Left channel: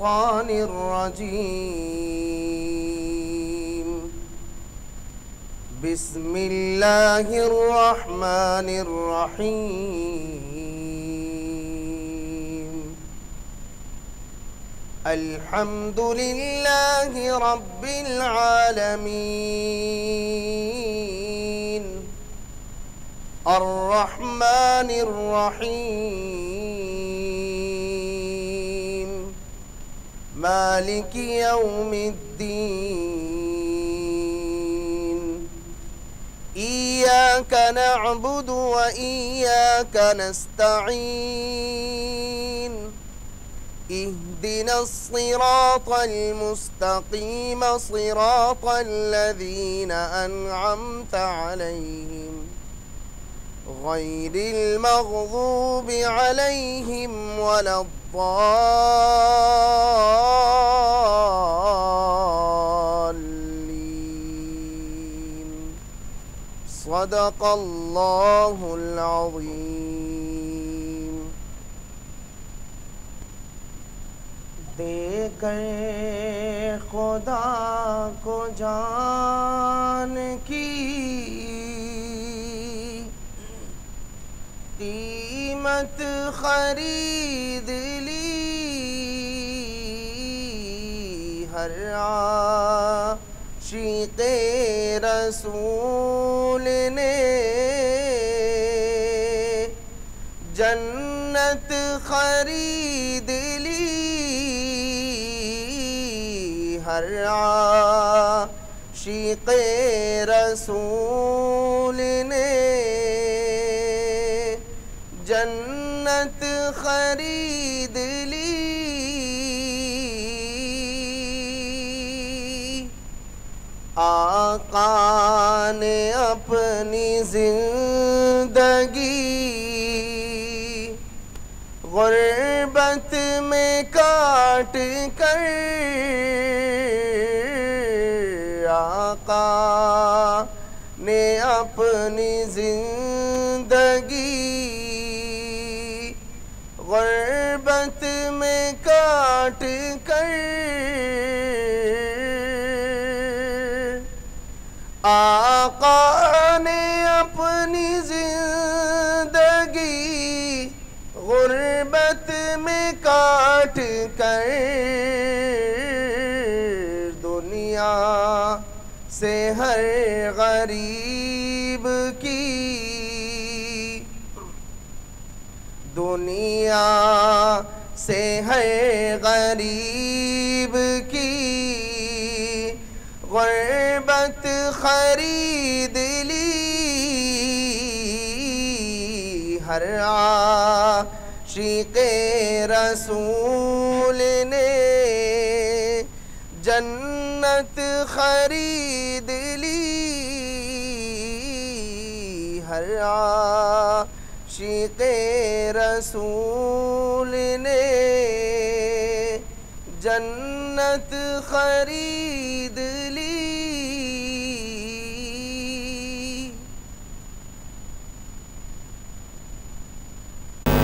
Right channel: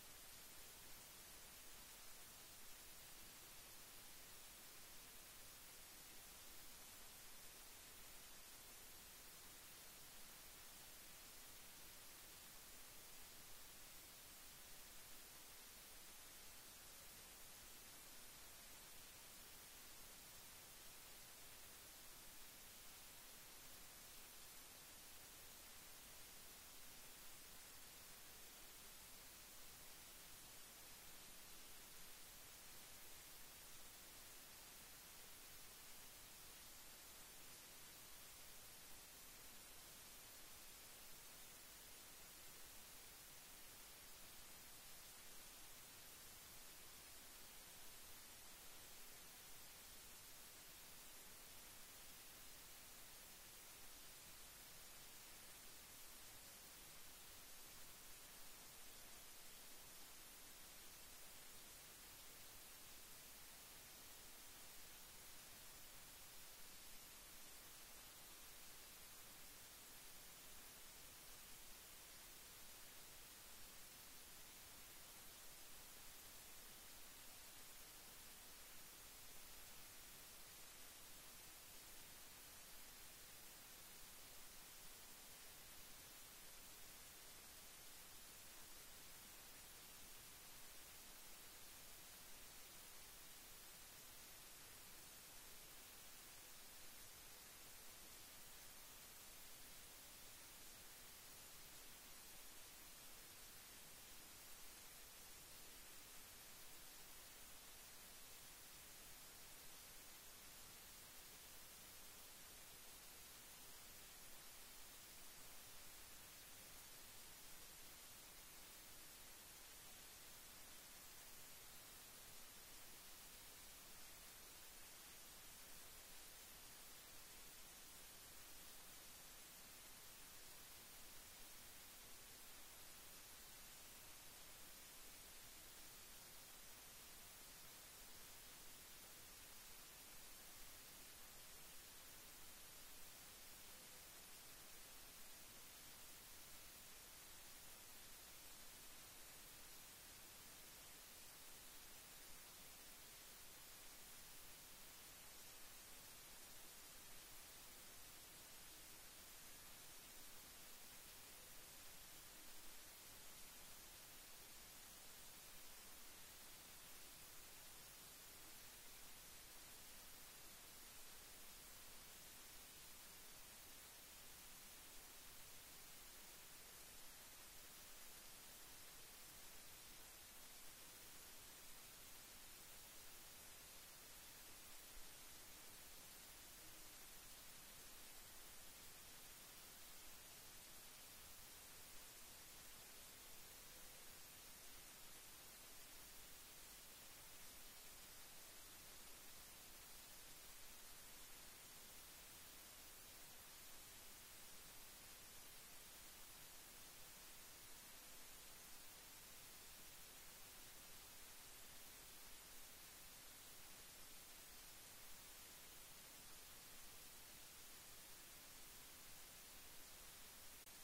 रजीम बिस्मिल्लाहिर्रहमानिर्रहीम अल्हम्दुलिल्लाहि रब्बिल आलमीन अर्रहमानिर्रहीम मालिकि यौमिद्दीन इय्याका नअबुदु व इय्याका नस्तईन इहदिनस सिरातल मुस्तकीम सिरातल लज़ीना अनअमता अलैहिम गैरिल मग़ज़ूबि अलैहिम वलद्दाल्लीन सदक़ल्लाहुल अज़ीम। देकर खुदा को जान की कीमत खरीद ली हर आशिक़े रसूल ने जन्नत खरीद ली हर आशिक़े रसूल ने जन्नत खरीद ली। आका ने अपनी जिंदगी गुर्बत में काट कर आका ने अपनी जिंदगी गुर्बत में काट कर आका ने अपनी जिंदगी गुर्बत में काट कर दुनिया से हर गरीब की दुनिया से हर गरीब की गुर्बत खरीद ली हर आशिक़े रसूल ने जन्नत खरीद ली हर आशिक़े रसूल ने जन्नत खरीद ली।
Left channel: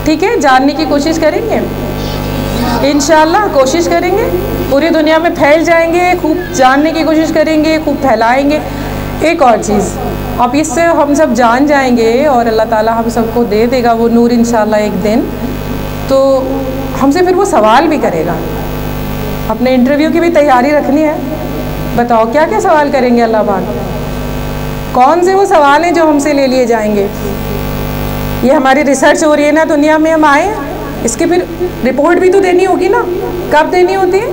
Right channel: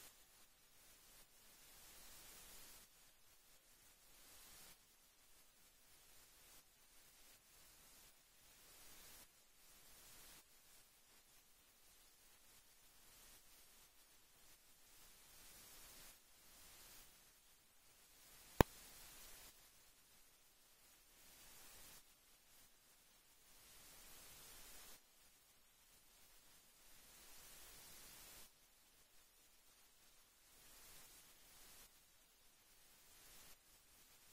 ठीक है, जानने की कोशिश करेंगे इंशाअल्लाह, कोशिश करेंगे, पूरी दुनिया में फैल जाएंगे, खूब जानने की कोशिश करेंगे, खूब फैलाएंगे। एक और चीज़, अब इससे हम सब जान जाएंगे और अल्लाह ताला हम सबको दे देगा वो नूर इंशाअल्लाह एक दिन, तो हमसे फिर वो सवाल भी करेगा। अपने इंटरव्यू की भी तैयारी रखनी है। बताओ क्या क्या सवाल करेंगे अल्लाह पाक, कौन से वो सवाल हैं जो हमसे ले लिए जाएंगे। ये हमारी रिसर्च हो रही है ना, दुनिया में हम आए, इसकी फिर रिपोर्ट भी तो देनी होगी ना। कब देनी होती है?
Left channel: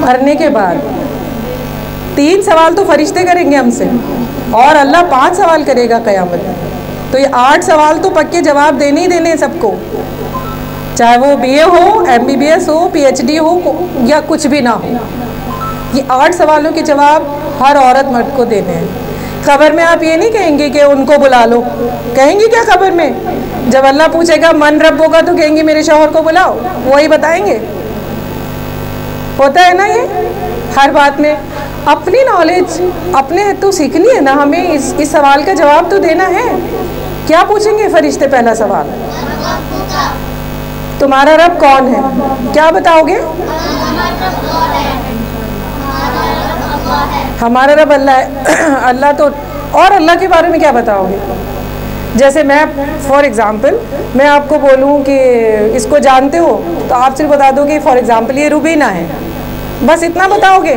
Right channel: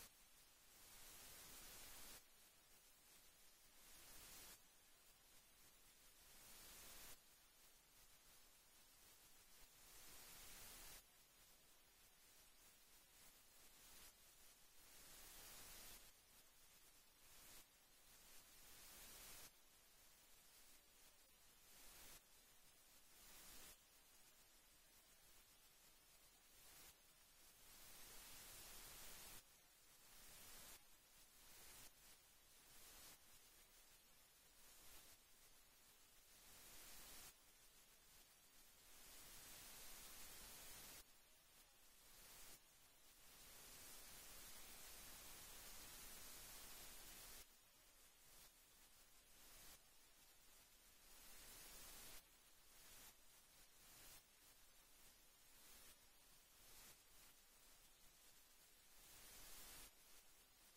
मरने के बाद। 3 सवाल तो फरिश्ते करेंगे हमसे और अल्लाह 5 सवाल करेगा क़यामत में। तो ये 8 सवाल तो पक्के जवाब देने ही देने हैं सबको, चाहे वो BA हो, MBBS हो, PhD हो या कुछ भी ना हो। ये 8 सवालों के जवाब हर औरत मर्द को देने हैं। खबर में आप ये नहीं कहेंगे कि उनको बुला लो, कहेंगे क्या खबर में? जब अल्लाह पूछेगा मन रब होगा तो कहेंगे मेरे शौहर को बुलाओ, वही बताएंगे। होता है ना ये हर बात में। अपनी नॉलेज अपने तो सीखनी है ना हमें, इस सवाल का जवाब तो देना है। क्या पूछेंगे फरिश्ते? पहला सवाल तुम्हारा रब कौन है? क्या बताओगे? हमारा रब अल्लाह है। अल्लाह तो, और अल्लाह के बारे में क्या बताओगे? जैसे मैं फॉर एग्ज़ाम्पल मैं आपको बोलूँ कि इसको जानते हो, तो आप सिर्फ बता दो कि फॉर एग्ज़ाम्पल ये रुबीना है, बस इतना बताओगे,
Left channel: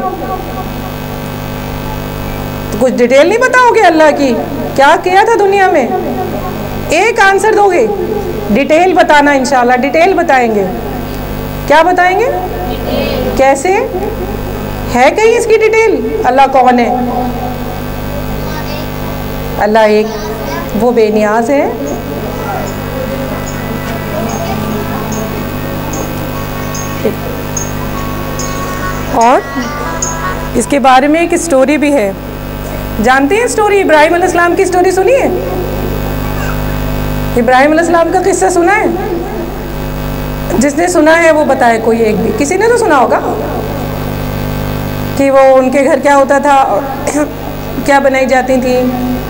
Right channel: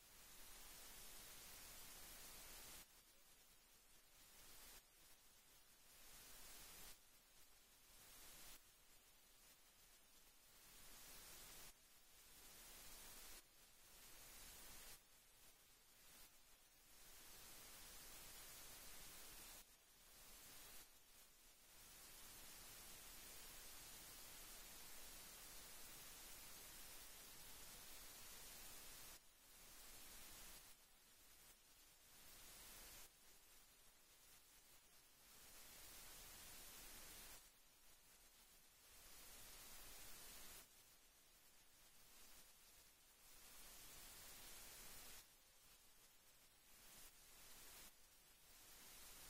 तो कुछ डिटेल नहीं बताओगे अल्लाह की, क्या किया था दुनिया में, एक आंसर दोगे। डिटेल बताना, इंशाल्लाह डिटेल बताएंगे। क्या बताएंगे? कैसे है कहीं इसकी डिटेल? अल्लाह कौन है? अल्लाह एक, वो बेनियाज है। और इसके बारे में एक स्टोरी भी है, जानते हैं स्टोरी? इब्राहिम अलैहिस्सलाम की स्टोरी सुनी है? इब्राहिम अलैहिस्सलाम का किस्सा सुना है? जिसने सुना है वो बताए, कोई एक भी, किसी ने तो सुना होगा कि वो उनके घर क्या होता था, क्या बनाई जाती थी,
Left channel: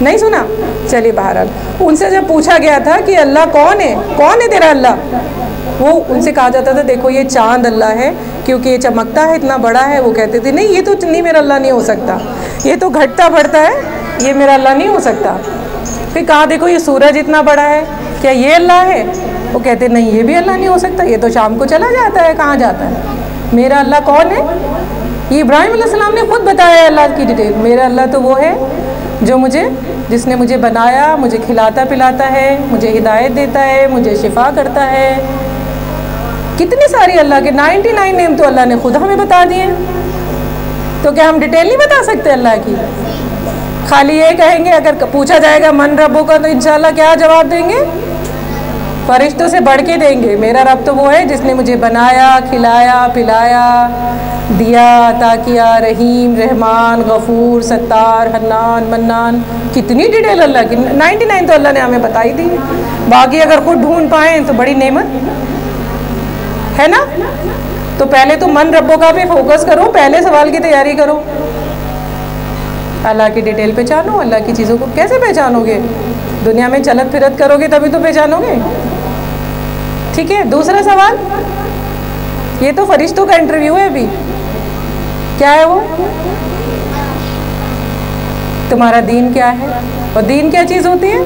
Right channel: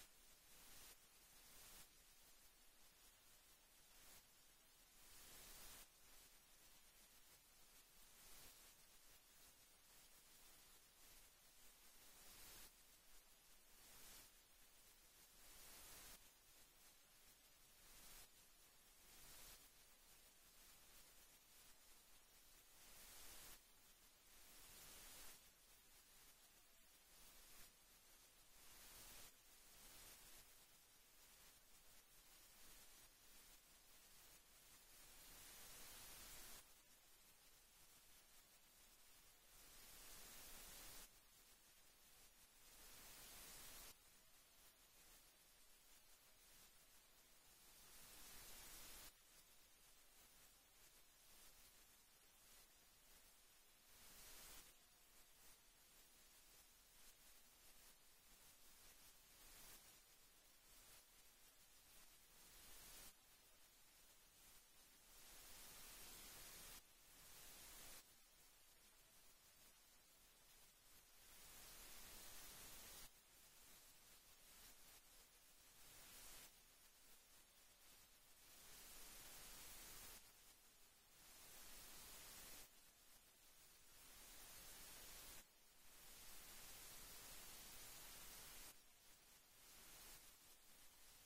नहीं सुना? चलिए बहरहाल, उनसे जब पूछा गया था कि अल्लाह कौन है, कौन है तेरा अल्लाह, वो उनसे कहा जाता था देखो ये चांद अल्लाह है क्योंकि ये चमकता है, इतना बड़ा है। वो कहते थे नहीं ये तो नहीं, मेरा अल्लाह नहीं हो सकता, ये तो घटता बढ़ता है, ये मेरा अल्लाह नहीं हो सकता। फिर कहा देखो ये सूरज इतना बड़ा है, क्या ये अल्लाह है? वो कहते नहीं ये भी अल्लाह नहीं हो सकता, ये तो शाम को चला जाता है, कहाँ जाता है, मेरा अल्लाह कौन है? ये इब्राहिम अलैहिस्सलाम ने खुद बताया अल्लाह की डिटेल। मेरा अल्लाह तो वो है जो जिसने मुझे बनाया, मुझे खिलाता पिलाता है, मुझे हिदायत देता है, मुझे शिफा करता है। कितने सारी अल्लाह के 99 नेम तो अल्लाह ने खुद हमें बता दिए। तो क्या हम डिटेल नहीं बता सकते अल्लाह की? खाली ये कहेंगे, अगर पूछा जाएगा मन रब्बों का, तो इंशाल्लाह क्या जवाब देंगे? फरिश्तों से बढ़ के देंगे। मेरा रब तो वो है जिसने मुझे बनाया, खिलाया, पिलाया, दिया, अता किया, रहीम, रहमान, गफूर, सत्तार, हन्नान, मन्नान। कितनी डिटेल अल्लाह की, 99 तो अल्लाह ने हमें बताई दी। बाकी अगर खुद ढूंढ पाएँ तो बड़ी नेमत है ना। तो पहले तो मन रब्बों का भी फोकस करो, पहले सवाल की तैयारी करो। अल्लाह की डिटेल पहचानो। अल्लाह की चीज़ों को कैसे पहचानोगे? दुनिया में चलत फिरत करोगे तभी तो पहचानोगे। ठीक है, दूसरा सवाल, ये तो फरिश्तों का इंटरव्यू है अभी, क्या है वो? तुम्हारा दीन क्या है? और दीन क्या चीज़ होती है?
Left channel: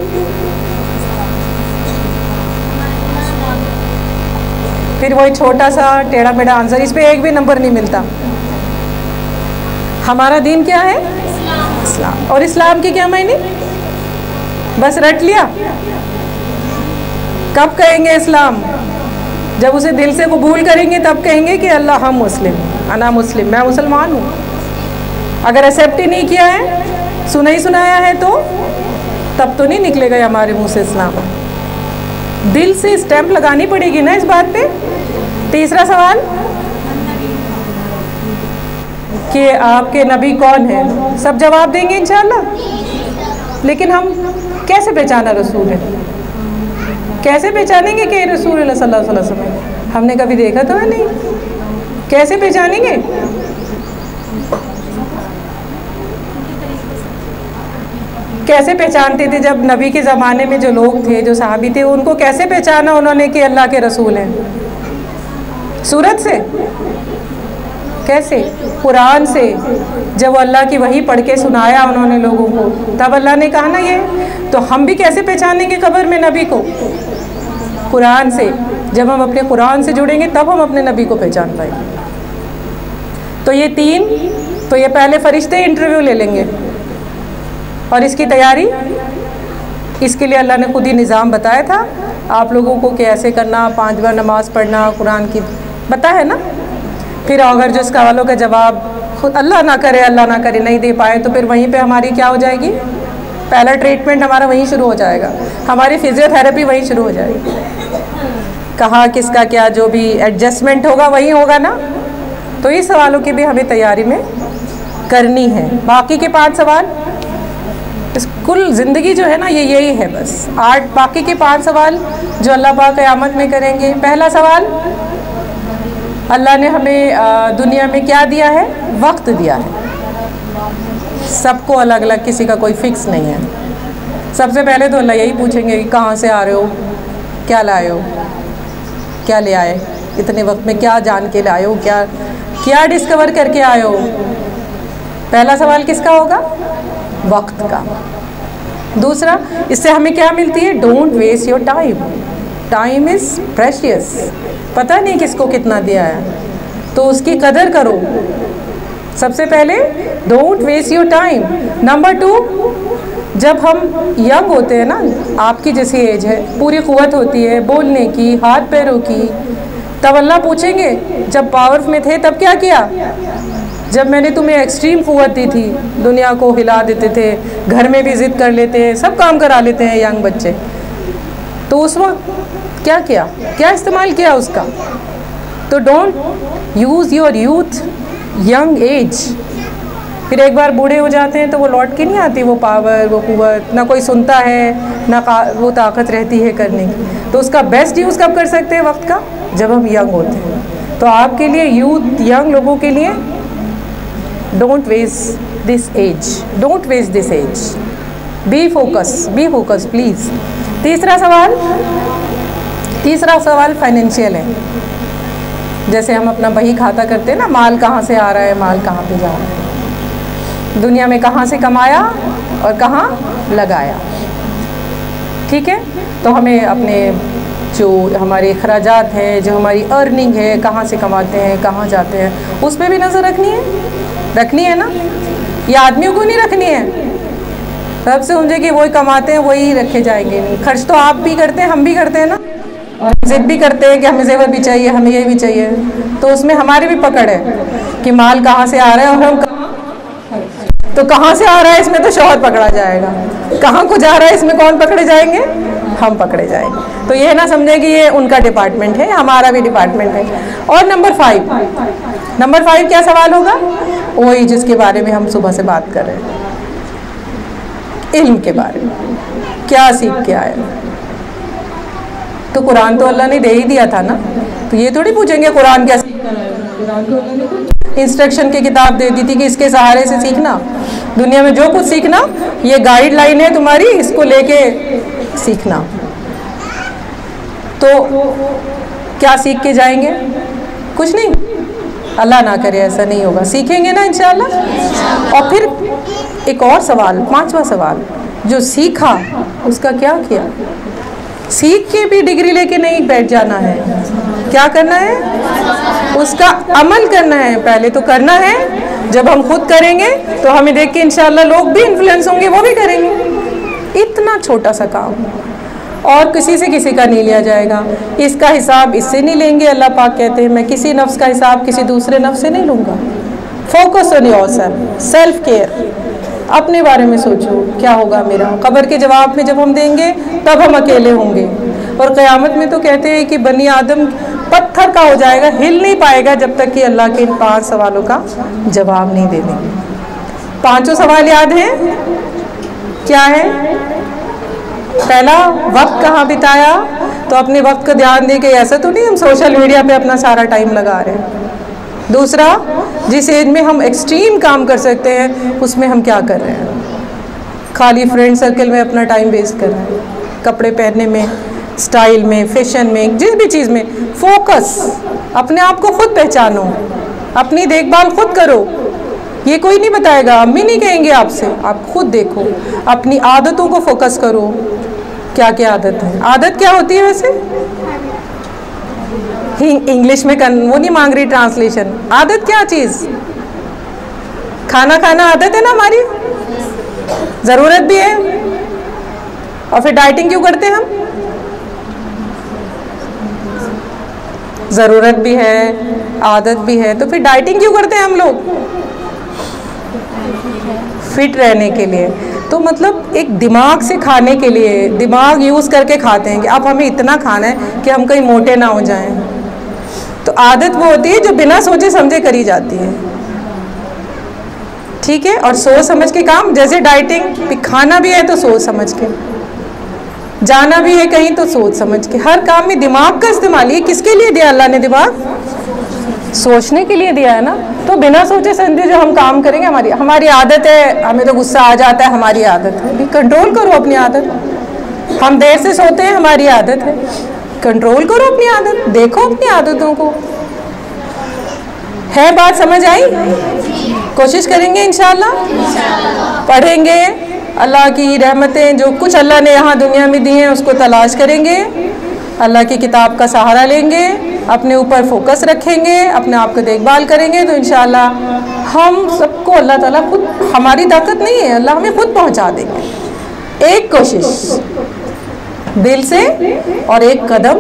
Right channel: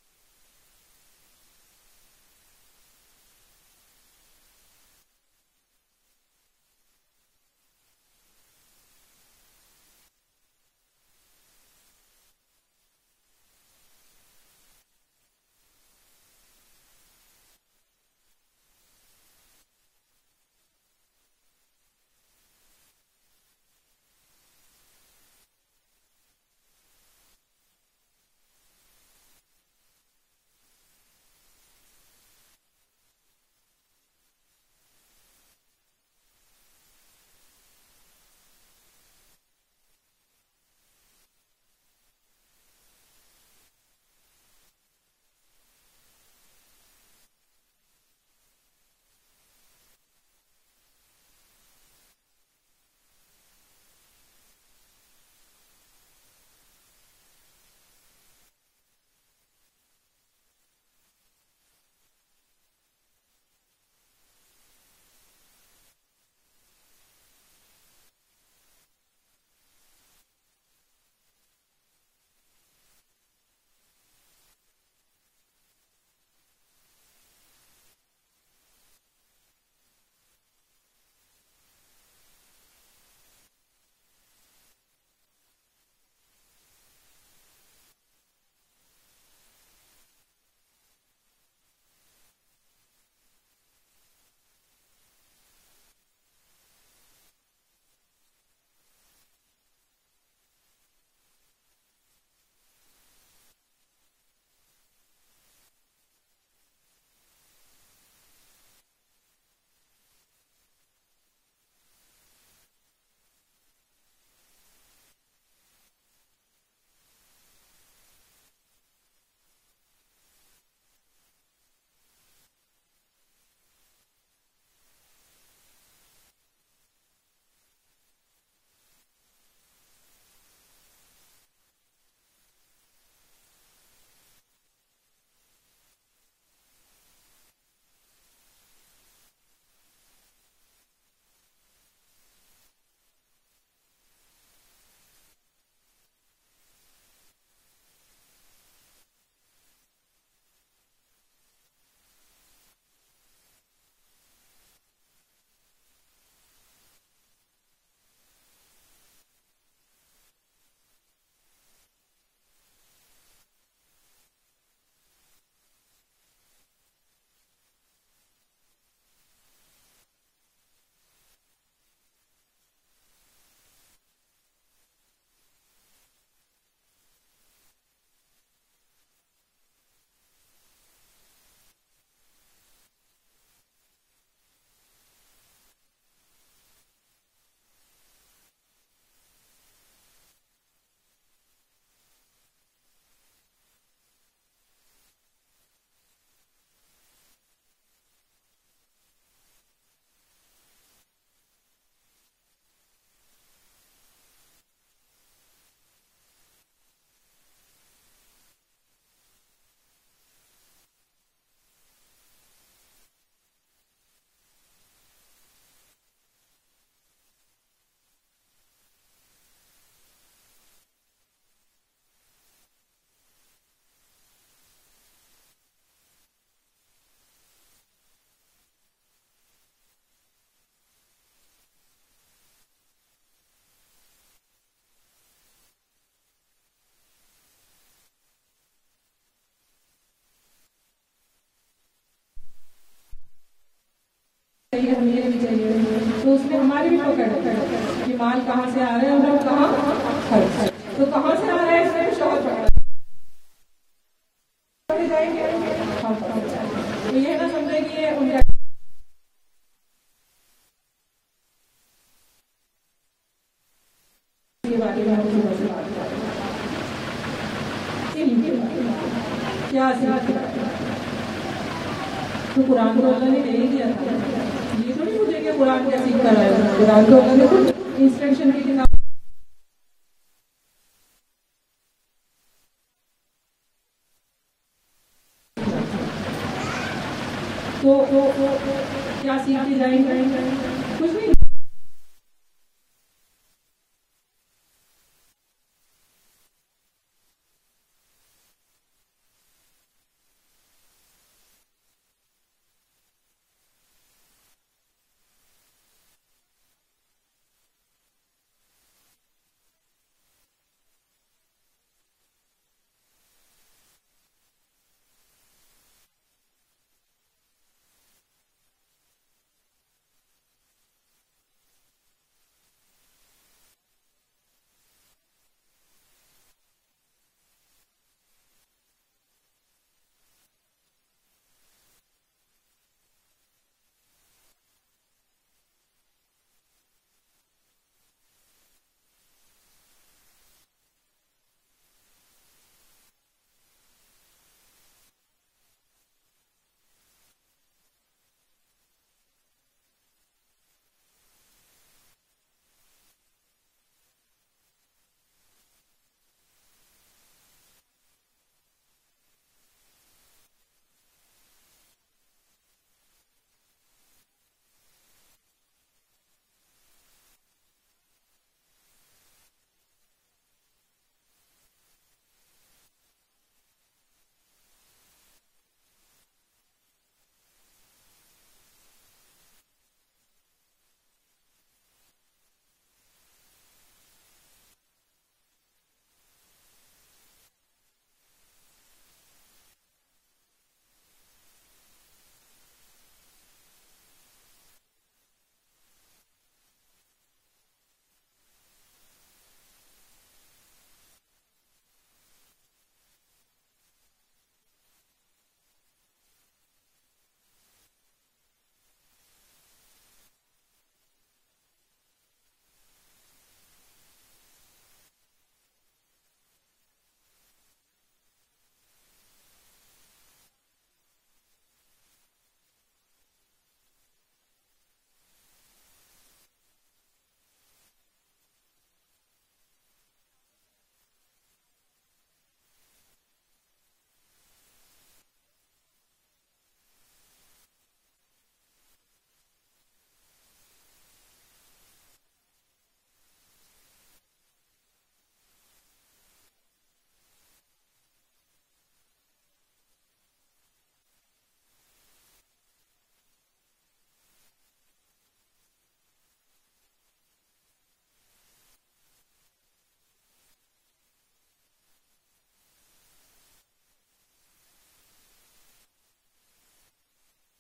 फिर वही छोटा सा टेढ़ा मेढ़ा आंसर, इस पे एक भी नंबर नहीं मिलता। हमारा दीन क्या है? इस्लाम। और इस्लाम के क्या मायने? बस रट लिया। कब कहेंगे इस्लाम? जब उसे दिल से कबूल करेंगे तब कहेंगे कि अल्लाह हम मुस्लिम, अना मुस्लिम, मैं मुसलमान हूँ। अगर एक्सेप्ट ही नहीं किया है, सुना ही सुनाया है, तो तब तो नहीं निकलेगा हमारे मुंह से इस्लाम। दिल से स्टैंप लगानी पड़ेगी ना इस बात पे। तीसरा सवाल कि आपके नबी कौन है? सब जवाब देंगे इंशाल्लाह। लेकिन हम कैसे पहचाना रसूल है? कैसे पहचानेंगे कि रसूल सल्लल्लाहु अलैहि वसल्लम है? हमने कभी देखा तो है नहीं, कैसे पहचानेंगे? कैसे पहचानते थे? जब नबी के ज़माने में जो लोग थे, जो सहाबी थे, उनको कैसे पहचाना उन्होंने कि अल्लाह के रसूल हैं? सूरत से? कैसे? कुरान से। जब अल्लाह की वही पढ़ के सुनाया उन्होंने लोगों को, तब अल्लाह ने कहा ना ये। तो हम भी कैसे पहचानेंगे कब्र में नबी को? कुरान से। जब हम अपने कुरान से जुड़ेंगे तब हम अपने नबी को पहचान पाएंगे। तो ये तीन, तो ये पहले फरिश्ते इंटरव्यू ले लेंगे। और इसकी तैयारी, इसके लिए अल्लाह ने खुद ही निज़ाम बताया था आप लोगों को, कैसे करना, 5 बार नमाज़ पढ़ना, कुरान की बता है ना। फिर अगर जो सवालों का जवाब खुद अल्लाह ना करे नहीं दे पाए, तो फिर वहीं पे हमारी क्या हो जाएगी? पहला ट्रीटमेंट हमारा वहीं शुरू हो जाएगा, हमारी फिजियोथेरेपी वहीं शुरू हो जाएगी। कहाँ किसका क्या जो भी एडजस्टमेंट होगा वहीं होगा ना। तो ये सवालों की भी हमें तैयारी में करनी है। बाकी के 5 सवाल, इस कुल ज़िंदगी जो है ना ये यही है बस। 8 बाकी के 5 सवाल जो अल्लाह पाक क़यामत में करेंगे। पहला सवाल, अल्लाह ने हमें दुनिया में क्या दिया है? वक्त दिया है। सबको अलग अलग, किसी का कोई फिक्स नहीं है। सबसे पहले तो अल्लाह यही पूछेंगे कि कहाँ से आ रहे हो, क्या लाए हो, क्या ले आए इतने वक्त में, क्या जान के लाए हो, क्या क्या डिस्कवर करके आए हो? पहला सवाल किसका होगा? वक्त का। दूसरा, इससे हमें क्या मिलती है? Don't waste your time. Time is precious, पता नहीं किसको कितना दिया है, तो उसकी कदर करो। सबसे पहले don't waste your time. Number 2, जब हम यंग होते हैं ना, आपकी जैसी एज है, पूरी क़ुव्वत होती है बोलने की, हाथ पैरों की, तब अल्लाह पूछेंगे जब पावर में थे तब क्या किया? जब मैंने तुम्हें एक्सट्रीम क़ुव्वत दी थी, दुनिया को हिला देते थे, घर में भी ज़िद कर लेते हैं, सब काम करा लेते हैं यंग बच्चे, तो उस वक्त क्या किया, क्या इस्तेमाल किया उसका? तो don't use your youth young age. फिर एक बार बूढ़े हो जाते हैं तो वो लौट के नहीं आती, वो पावर, वो क़ुव्वत, ना कोई सुनता है, ना वो ताकत रहती है करने की। तो उसका बेस्ट यूज़ कब कर सकते हैं वक्त का? जब हम यंग होते हैं। तो आपके लिए, यूथ यंग लोगों के लिए, don't waste this age, don't waste this age, be focus please. तीसरा सवाल फाइनेंशियल है। जैसे हम अपना बही खाता करते हैं ना, माल कहाँ से आ रहा है, माल कहाँ पे जा रहा है, दुनिया में कहाँ से कमाया और कहाँ लगाया। ठीक है, तो हमें अपने जो हमारे अखराजात हैं, जो हमारी अर्निंग है, कहाँ से कमाते हैं, कहाँ जाते हैं, उस पर भी नज़र रखनी है ना। ये आदमियों को नहीं रखनी है, सब से समझे कि वही कमाते हैं वही रखे जाएंगे। नहीं, खर्च तो आप भी करते हैं, हम भी करते हैं ना, और ज़िद भी करते हैं कि हमें ज़ेवर भी चाहिए, हमें ये भी चाहिए। तो उसमें हमारी भी पकड़ है कि माल कहाँ से आ रहा है और हम तो कहाँ से आ रहा है, इसमें तो शौहर पकड़ा जाएगा, कहाँ को जा रहा है इसमें कौन पकड़े जाएंगे? हम पकड़े जाएंगे। तो ये ना समझे कि ये उनका डिपार्टमेंट है, हमारा भी डिपार्टमेंट है। और नंबर 5 क्या सवाल होगा? वही जिसके बारे में हम सुबह से बात कर रहे हैं, इल्म के बारे में, क्या सीख के आए। तो कुरान तो अल्लाह ने दे ही दिया था ना, तो ये थोड़ी पूछेंगे कुरान क्या सीखना है। कुरान तो अल्लाह ने इंस्ट्रक्शन की किताब दे दी थी कि इसके सहारे से सीखना, दुनिया में जो कुछ सीखना, ये गाइडलाइन है तुम्हारी, इसको लेके सीखना। तो क्या सीख के जाएंगे? कुछ नहीं, अल्लाह ना करे ऐसा नहीं होगा, सीखेंगे ना इंशाअल्लाह। और फिर एक और सवाल, 5वां सवाल, जो सीखा उसका क्या किया? सीख के भी डिग्री लेके नहीं बैठ जाना है, क्या करना है? उसका अमल करना है। पहले तो करना है, जब हम खुद करेंगे तो हमें देख के इंशाअल्लाह लोग भी इन्फ्लुएंस होंगे, वो भी करेंगे। इतना छोटा सा काम, और किसी से किसी का नहीं लिया जाएगा, इसका हिसाब इससे नहीं लेंगे। अल्लाह पाक कहते हैं मैं किसी नफ्स का हिसाब किसी दूसरे नफ्स से नहीं लूँगा। Focus on yourself, self care, अपने बारे में सोचो क्या होगा मेरा। कब्र के जवाब में जब हम देंगे तब हम अकेले होंगे, और क़यामत में तो कहते हैं कि बनी आदम पत्थर का हो जाएगा, हिल नहीं पाएगा जब तक कि अल्लाह के इन 5 सवालों का जवाब नहीं दे देंगे। 5 सवाल याद हैं? क्या है? पहला, वक्त कहाँ बिताया, तो अपने वक्त का ध्यान दे के, ऐसा तो नहीं हम सोशल मीडिया पे अपना सारा टाइम लगा रहे हैं। दूसरा, जिस एज में हम एक्सट्रीम काम कर सकते हैं उसमें हम क्या कर रहे हैं? खाली फ्रेंड सर्कल में अपना टाइम वेस्ट कर रहे हैं, कपड़े पहनने में, स्टाइल में, फैशन में, जिस भी चीज़ में फोकस। अपने आप को खुद पहचानो, अपनी देखभाल खुद करो, ये कोई नहीं बताएगा, अम्मी नहीं कहेंगे आपसे, आप खुद देखो। अपनी आदतों को फोकस करो, क्या क्या आदत है। आदत क्या होती है वैसे? इंग्लिश में वो नहीं मांग रही ट्रांसलेशन। आदत क्या चीज़? खाना खाना आदत है ना हमारी, ज़रूरत भी है। और फिर डाइटिंग क्यों करते हैं हम? ज़रूरत भी है, आदत भी है, तो फिर डाइटिंग क्यों करते हैं हम लोग? फिट रहने के लिए। तो मतलब एक दिमाग से खाने के लिए, दिमाग यूज़ करके खाते हैं कि अब हमें इतना खाना है कि हम कहीं मोटे ना हो जाएं। तो आदत वो होती है जो बिना सोचे समझे करी जाती है, ठीक है। और सोच समझ के काम, जैसे डाइटिंग, खाना भी है तो सोच समझ के, जाना भी है कहीं तो सोच समझ के। हर काम में दिमाग का इस्तेमाल। ये किसके लिए दिया अल्लाह ने दिमाग? सोचने के लिए दिया है ना। तो बिना सोचे समझे जो हम काम करेंगे, हमारी आदत है, हमें तो गुस्सा आ जाता है, हमारी आदत है। कंट्रोल करो अपनी आदत। हम देर से सोते हैं, हमारी आदत है। कंट्रोल करो अपनी आदत, देखो अपनी आदतों को। है बात समझ आई? कोशिश करेंगे इंशाल्लाह। पढ़ेंगे, अल्लाह की रहमतें जो कुछ अल्लाह ने यहाँ दुनिया में दी हैं उसको तलाश करेंगे, अल्लाह की किताब का सहारा लेंगे, अपने ऊपर फोकस रखेंगे, अपने आप को देखभाल करेंगे, तो इंशाल्लाह हम सबको अल्लाह ताला खुद, हमारी ताकत नहीं है, अल्लाह हमें खुद पहुँचा देंगे। एक कोशिश दिल से और एक कदम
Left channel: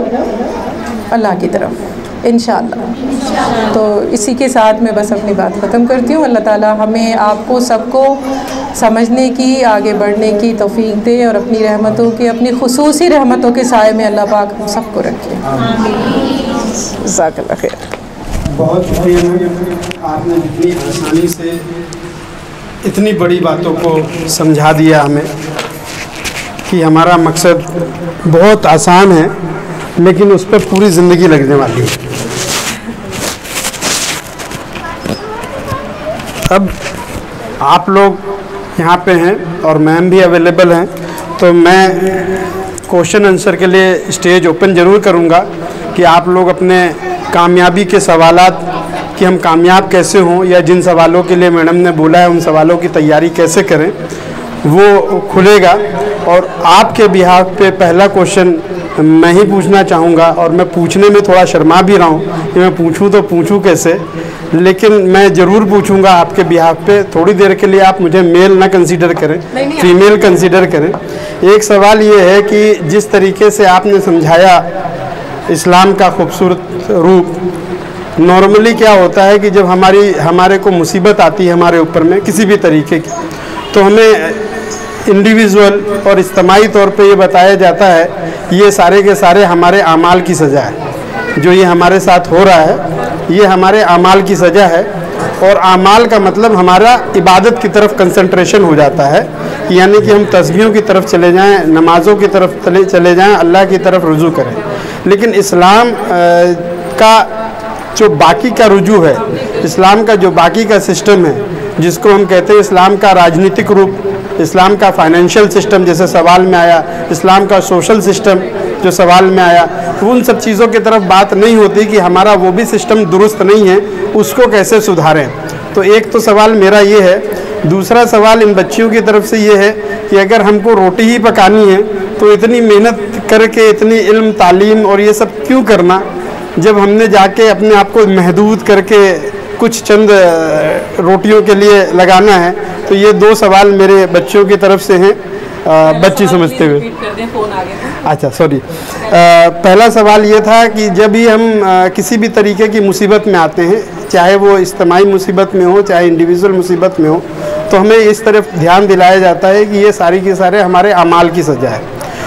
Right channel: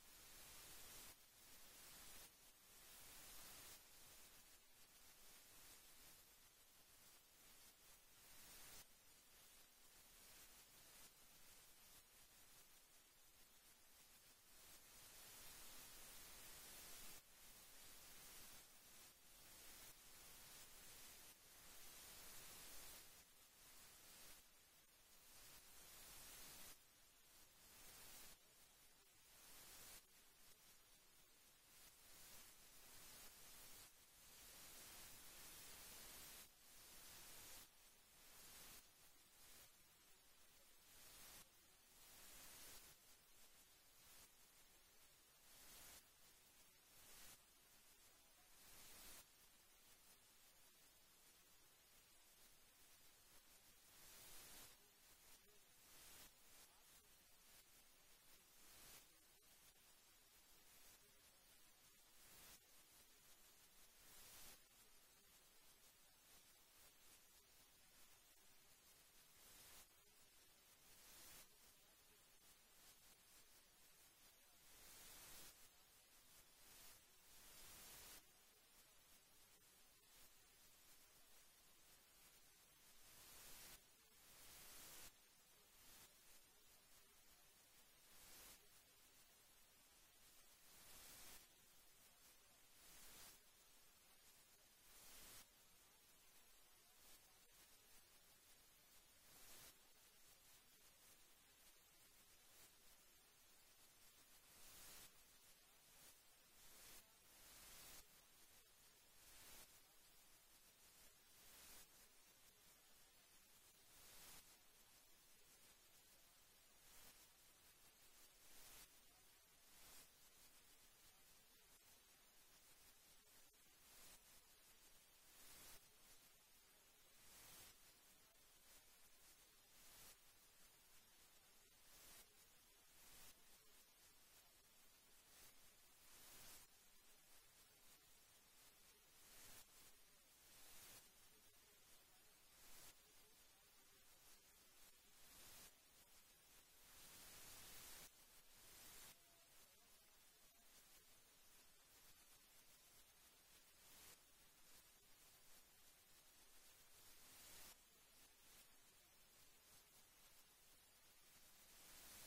अल्लाह की तरफ इंशाअल्लाह। तो इसी के साथ मैं बस अपनी बात ख़त्म करती हूँ। अल्लाह ताला हमें आपको सबको समझने की, आगे बढ़ने की तौफीक दे और अपनी रहमतों के, अपनी खुसूसी रहमतों के साए में अल्लाह पाक हम सबको रखे। जज़ाकल्लाह खैर। बहुत शुक्रिया मैम, आपने इतनी आसानी से इतनी बड़ी बातों को समझा दिया हमें कि हमारा मकसद बहुत आसान है लेकिन उस पर पूरी ज़िंदगी लगने वाली है। अब आप लोग यहाँ पे हैं और मैम भी अवेलेबल हैं, तो मैं क्वेश्चन आंसर के लिए स्टेज ओपन ज़रूर करूँगा कि आप लोग अपने कामयाबी के सवालात कि हम कामयाब कैसे हों, या जिन सवालों के लिए मैडम ने बोला है उन सवालों की तैयारी कैसे करें, वो खुलेगा। और आपके बिहाफ पे पहला क्वेश्चन मैं ही पूछना चाहूँगा, और मैं पूछने में थोड़ा शर्मा भी रहा हूँ कि मैं पूछूँ तो पूछूँ कैसे, लेकिन मैं ज़रूर पूछूँगा आपके बिहाफ पे। थोड़ी देर के लिए आप मुझे मेल ना कंसीडर करें, फीमेल कंसीडर करें। एक सवाल ये है कि जिस तरीके से आपने समझाया इस्लाम का खूबसूरत रूप, नॉर्मली क्या होता है कि जब हमारे को मुसीबत आती है हमारे ऊपर में किसी भी तरीके की, तो हमें इंडिविजुअल और इज्तिमाई तौर पे ये बताया जाता है ये सारे के सारे हमारे आमाल की सज़ा है। जो ये हमारे साथ हो रहा है ये हमारे आमाल की सज़ा है, और आमाल का मतलब हमारा इबादत की तरफ कंसंट्रेशन हो जाता है, यानी कि हम तस्बीहों की तरफ चले जाएं, नमाज़ों की तरफ चले जाएं, अल्लाह की तरफ रुजू करें। लेकिन इस्लाम का जो बाकी का रुजू है, इस्लाम का जो बाकी का सिस्टम है, जिसको हम कहते हैं इस्लाम का राजनीतिक रूप, इस्लाम का फाइनेंशियल सिस्टम जैसे सवाल में आया, इस्लाम का सोशल सिस्टम जो सवाल में आया, तो उन सब चीज़ों की तरफ बात नहीं होती कि हमारा वो भी सिस्टम दुरुस्त नहीं है, उसको कैसे सुधारें। तो एक तो सवाल मेरा ये है। दूसरा सवाल इन बच्चियों की तरफ से ये है कि अगर हमको रोटी ही पकानी है तो इतनी मेहनत करके, इतनी इल्म तालीम और ये सब क्यों करना, जब हमने जाके अपने आप को महदूद करके कुछ चंद रोटियों के लिए लगाना है। तो ये दो सवाल मेरे बच्चों की तरफ से हैं, बच्ची समझते हुए। अच्छा सॉरी, पहला सवाल ये था कि जब भी हम किसी भी तरीके की मुसीबत में आते हैं, चाहे वो इज्तिमाई मुसीबत में हो चाहे इंडिविजुअल मुसीबत में हो, तो हमें इस तरफ ध्यान दिलाया जाता है कि ये सारी के सारे हमारे अमाल की सज़ा है,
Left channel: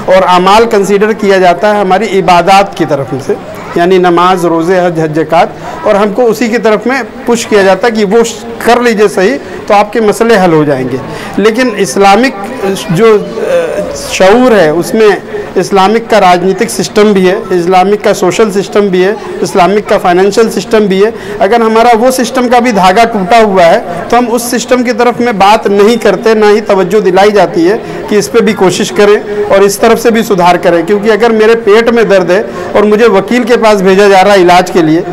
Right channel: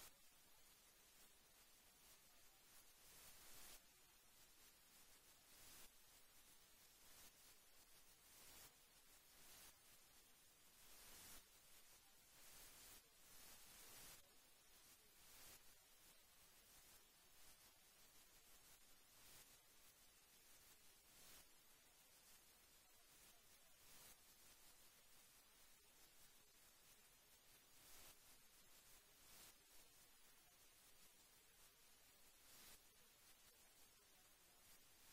और अमाल कंसीडर किया जाता है हमारी इबादत की तरफ से, यानी नमाज, रोज़े, हज, ज़कात, और हमको उसी की तरफ में पुश किया जाता है कि वो कर लीजिए सही तो आपके मसले हल हो जाएंगे। लेकिन इस्लामिक जो शऊर है उसमें इस्लामिक का राजनीतिक सिस्टम भी है, इस्लामिक का सोशल सिस्टम भी है, इस्लामिक का फाइनेंशियल सिस्टम भी है। अगर हमारा वो सिस्टम का भी धागा टूटा हुआ है तो हम उस सिस्टम की तरफ में बात नहीं करते, ना ही तवज्जो दिलाई जाती है कि इस पर भी कोशिश करें और इस तरफ से भी सुधार करें। क्योंकि अगर मेरे पेट में दर्द है और मुझे वकील के पास भेजा जा रहा है इलाज के लिए,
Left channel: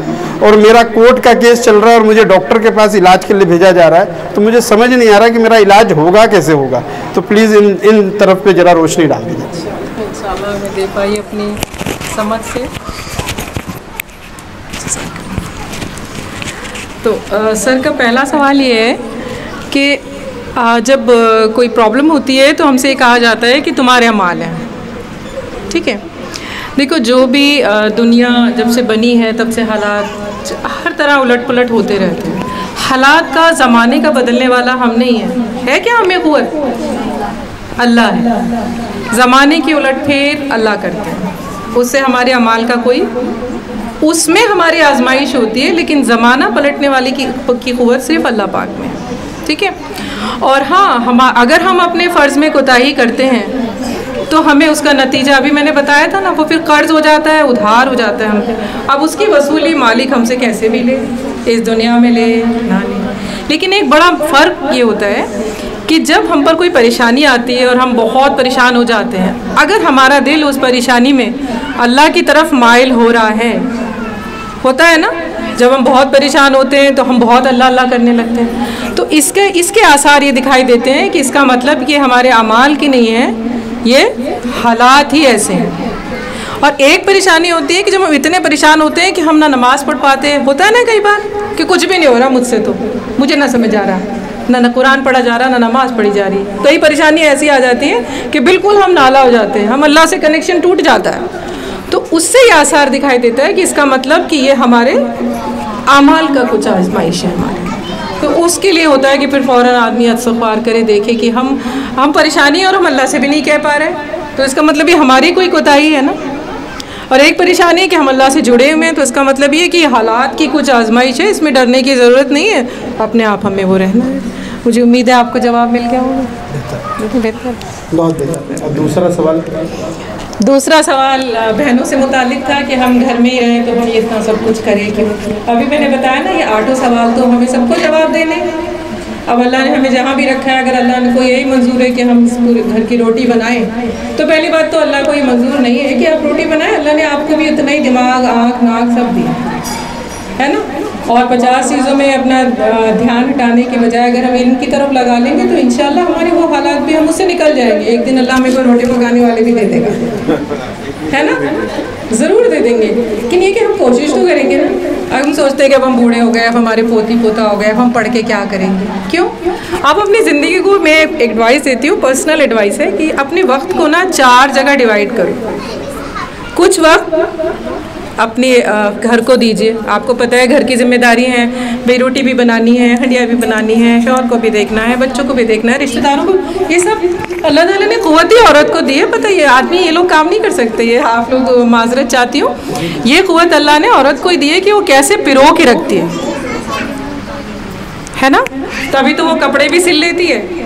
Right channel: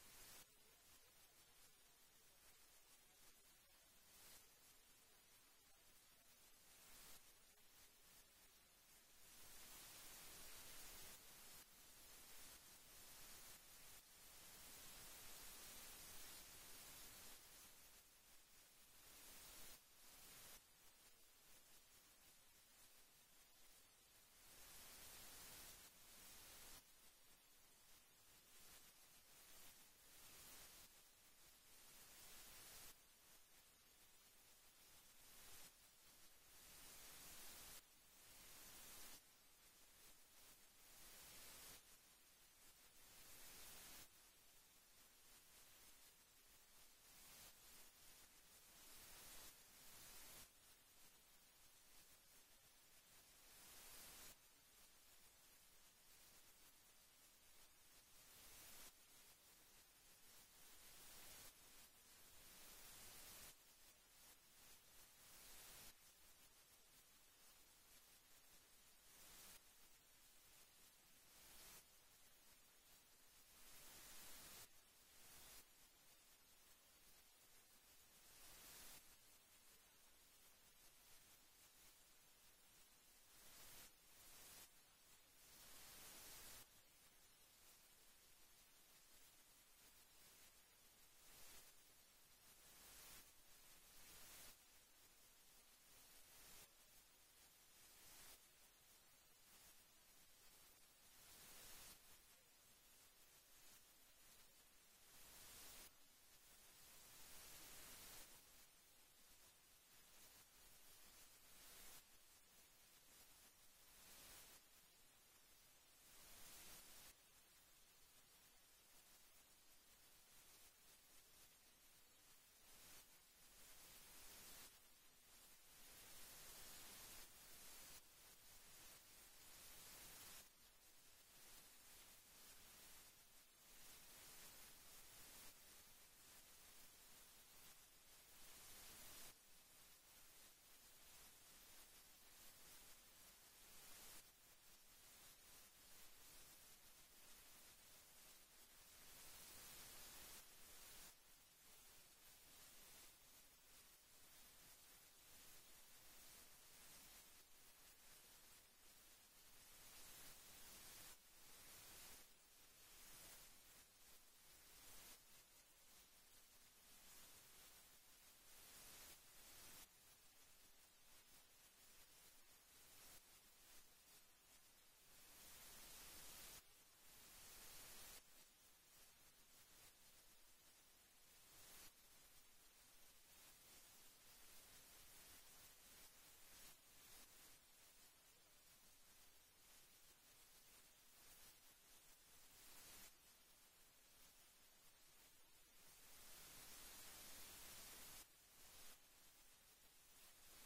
और मेरा कोर्ट का केस चल रहा है और मुझे डॉक्टर के पास इलाज के लिए भेजा जा रहा है, तो मुझे समझ नहीं आ रहा कि मेरा इलाज होगा कैसे होगा। तो प्लीज़ इन तरफ पे ज़रा रोशनी डाल दीजिए। इंशाल्लाह मैं दे पाई अपनी समझ से। तो सर का पहला सवाल ये है कि जब कोई प्रॉब्लम होती है तो हमसे कहा जाता है कि तुम्हारे अमाल हैं, ठीक है। देखो, जो भी दुनिया जब से बनी है तब से हालात हर तरह उलट पुलट होते रहते हैं। हालात का, ज़माने का बदलने वाला हम नहीं है क्या हमें क़ुव्वत? अल्लाह है। ज़माने की उलट फेर अल्लाह करते हैं, उससे हमारे अमाल का कोई, उसमें हमारी आजमाइश होती है, लेकिन ज़माना पलटने वाली की क़ुव्वत सिर्फ अल्लाह पाक में, ठीक है। और हाँ, अगर हम अपने फ़र्ज़ में कोताही करते हैं तो हमें उसका नतीजा, अभी मैंने बताया था ना, वो फिर कर्ज हो जाता है, उधार हो जाता है हम पे। अब उसकी वसूली मालिक हमसे कैसे भी ले, इस दुनिया में ले ना ले। लेकिन एक बड़ा फ़र्क ये होता है कि जब हम पर कोई परेशानी आती है और हम बहुत परेशान हो जाते हैं, अगर हमारा दिल उस परेशानी में अल्लाह की तरफ माइल हो रहा है, होता है ना, जब हम बहुत परेशान होते हैं तो हम बहुत अल्लाह अल्लाह करने लगते हैं, तो इसके आसार ये दिखाई देते हैं कि इसका मतलब कि हमारे अमाल की नहीं है, ये हालात ही ऐसे हैं। और एक परेशानी होती है कि जब हम इतने परेशान होते हैं कि हम ना नमाज़ पढ़ पाते हैं, होता है ना कई बार कि कुछ भी नहीं हो रहा मुझसे, तो मुझे ना समझ आ रहा, ना कुरान पढ़ा जा रहा, ना नमाज़ पढ़ी जा रही। कई परेशानियाँ ऐसी आ जाती हैं कि बिल्कुल हम नाला हो जाते हैं, हम अल्लाह से कनेक्शन टूट जाता है। तो उससे ये आसार दिखाई देता है कि इसका मतलब कि ये हमारे अमाल का कुछ आजमाइश है हमारे। तो उसके लिए होता है कि फिर फ़ौरन आदमी इस्तग़फ़ार करे, देखे कि हम परेशानी और हम अल्लाह से भी नहीं कह पा रहे, तो इसका मतलब ये हमारी कोई कोताही है ना। और एक परेशानी है कि हम अल्लाह से जुड़े हुए हैं, तो इसका मतलब ये कि हालात की कुछ आजमाइश है, इसमें डरने की ज़रूरत नहीं है, अपने आप हमें वो रहना है। मुझे उम्मीद है आपको जवाब मिल गया होगा। बेहतर, बहुत बेहतर। और दूसरा सवाल बहनों से मुतालिक था कि हम घर में ही रहें तो हम ये इतना सब कुछ करें क्यों। अभी मैंने बताया ना, ये 8 सवाल तो हमें सबको जवाब देने। अब अल्लाह ने हमें जहाँ भी रखा है, अगर अल्लाह ने को यही मंजूर है कि हम इस पूरे घर की रोटी बनाएं, तो पहली बात तो अल्लाह को ये मंजूर नहीं है कि आप रोटी बनाएं। अल्लाह ने आपको भी उतना ही दिमाग, आँख, नाक सब दिया है ना। और 50 चीज़ों में अपना ध्यान हटाने के बजाय अगर हम इनकी तरफ लगा लेंगे तो इंशाल्लाह हमारे वो हालात भी हम उससे निकल जाएंगे। एक दिन अल्लाह हमें को रोटी पकाने वाले भी दे देगा, है ना, ज़रूर दे देंगे। लेकिन ये कि हम कोशिश तो करेंगे ना। अब हम सोचते हैं कि अब हम बूढ़े हो गए, अब हमारे पोती पोता हो गए, अब हम पढ़ के क्या करेंगे, क्यों। आप अपनी ज़िंदगी को, मैं एडवाइस देती हूँ, पर्सनल एडवाइस है कि अपने वक्त को ना 4 जगह डिवाइड करो। कुछ वक्त अपने घर को दीजिए, आपको पता है घर की जिम्मेदारी है, भाई रोटी भी बनानी है, हंडिया भी बनानी है, शौहर को भी देखना है, बच्चों को भी देखना है, रिश्तेदारों को, ये सब अल्लाह ताला ने क़ुव्वत ही औरत को दी है। पता है, ये आदमी, ये लोग काम नहीं कर सकते। ये आप लोग माजरत चाहती हूँ, ये क़ुव्वत अल्लाह ने औरत को ही दी है कि वो कैसे पिरो के रखती है ना। तभी तो वो कपड़े भी सिल लेती है,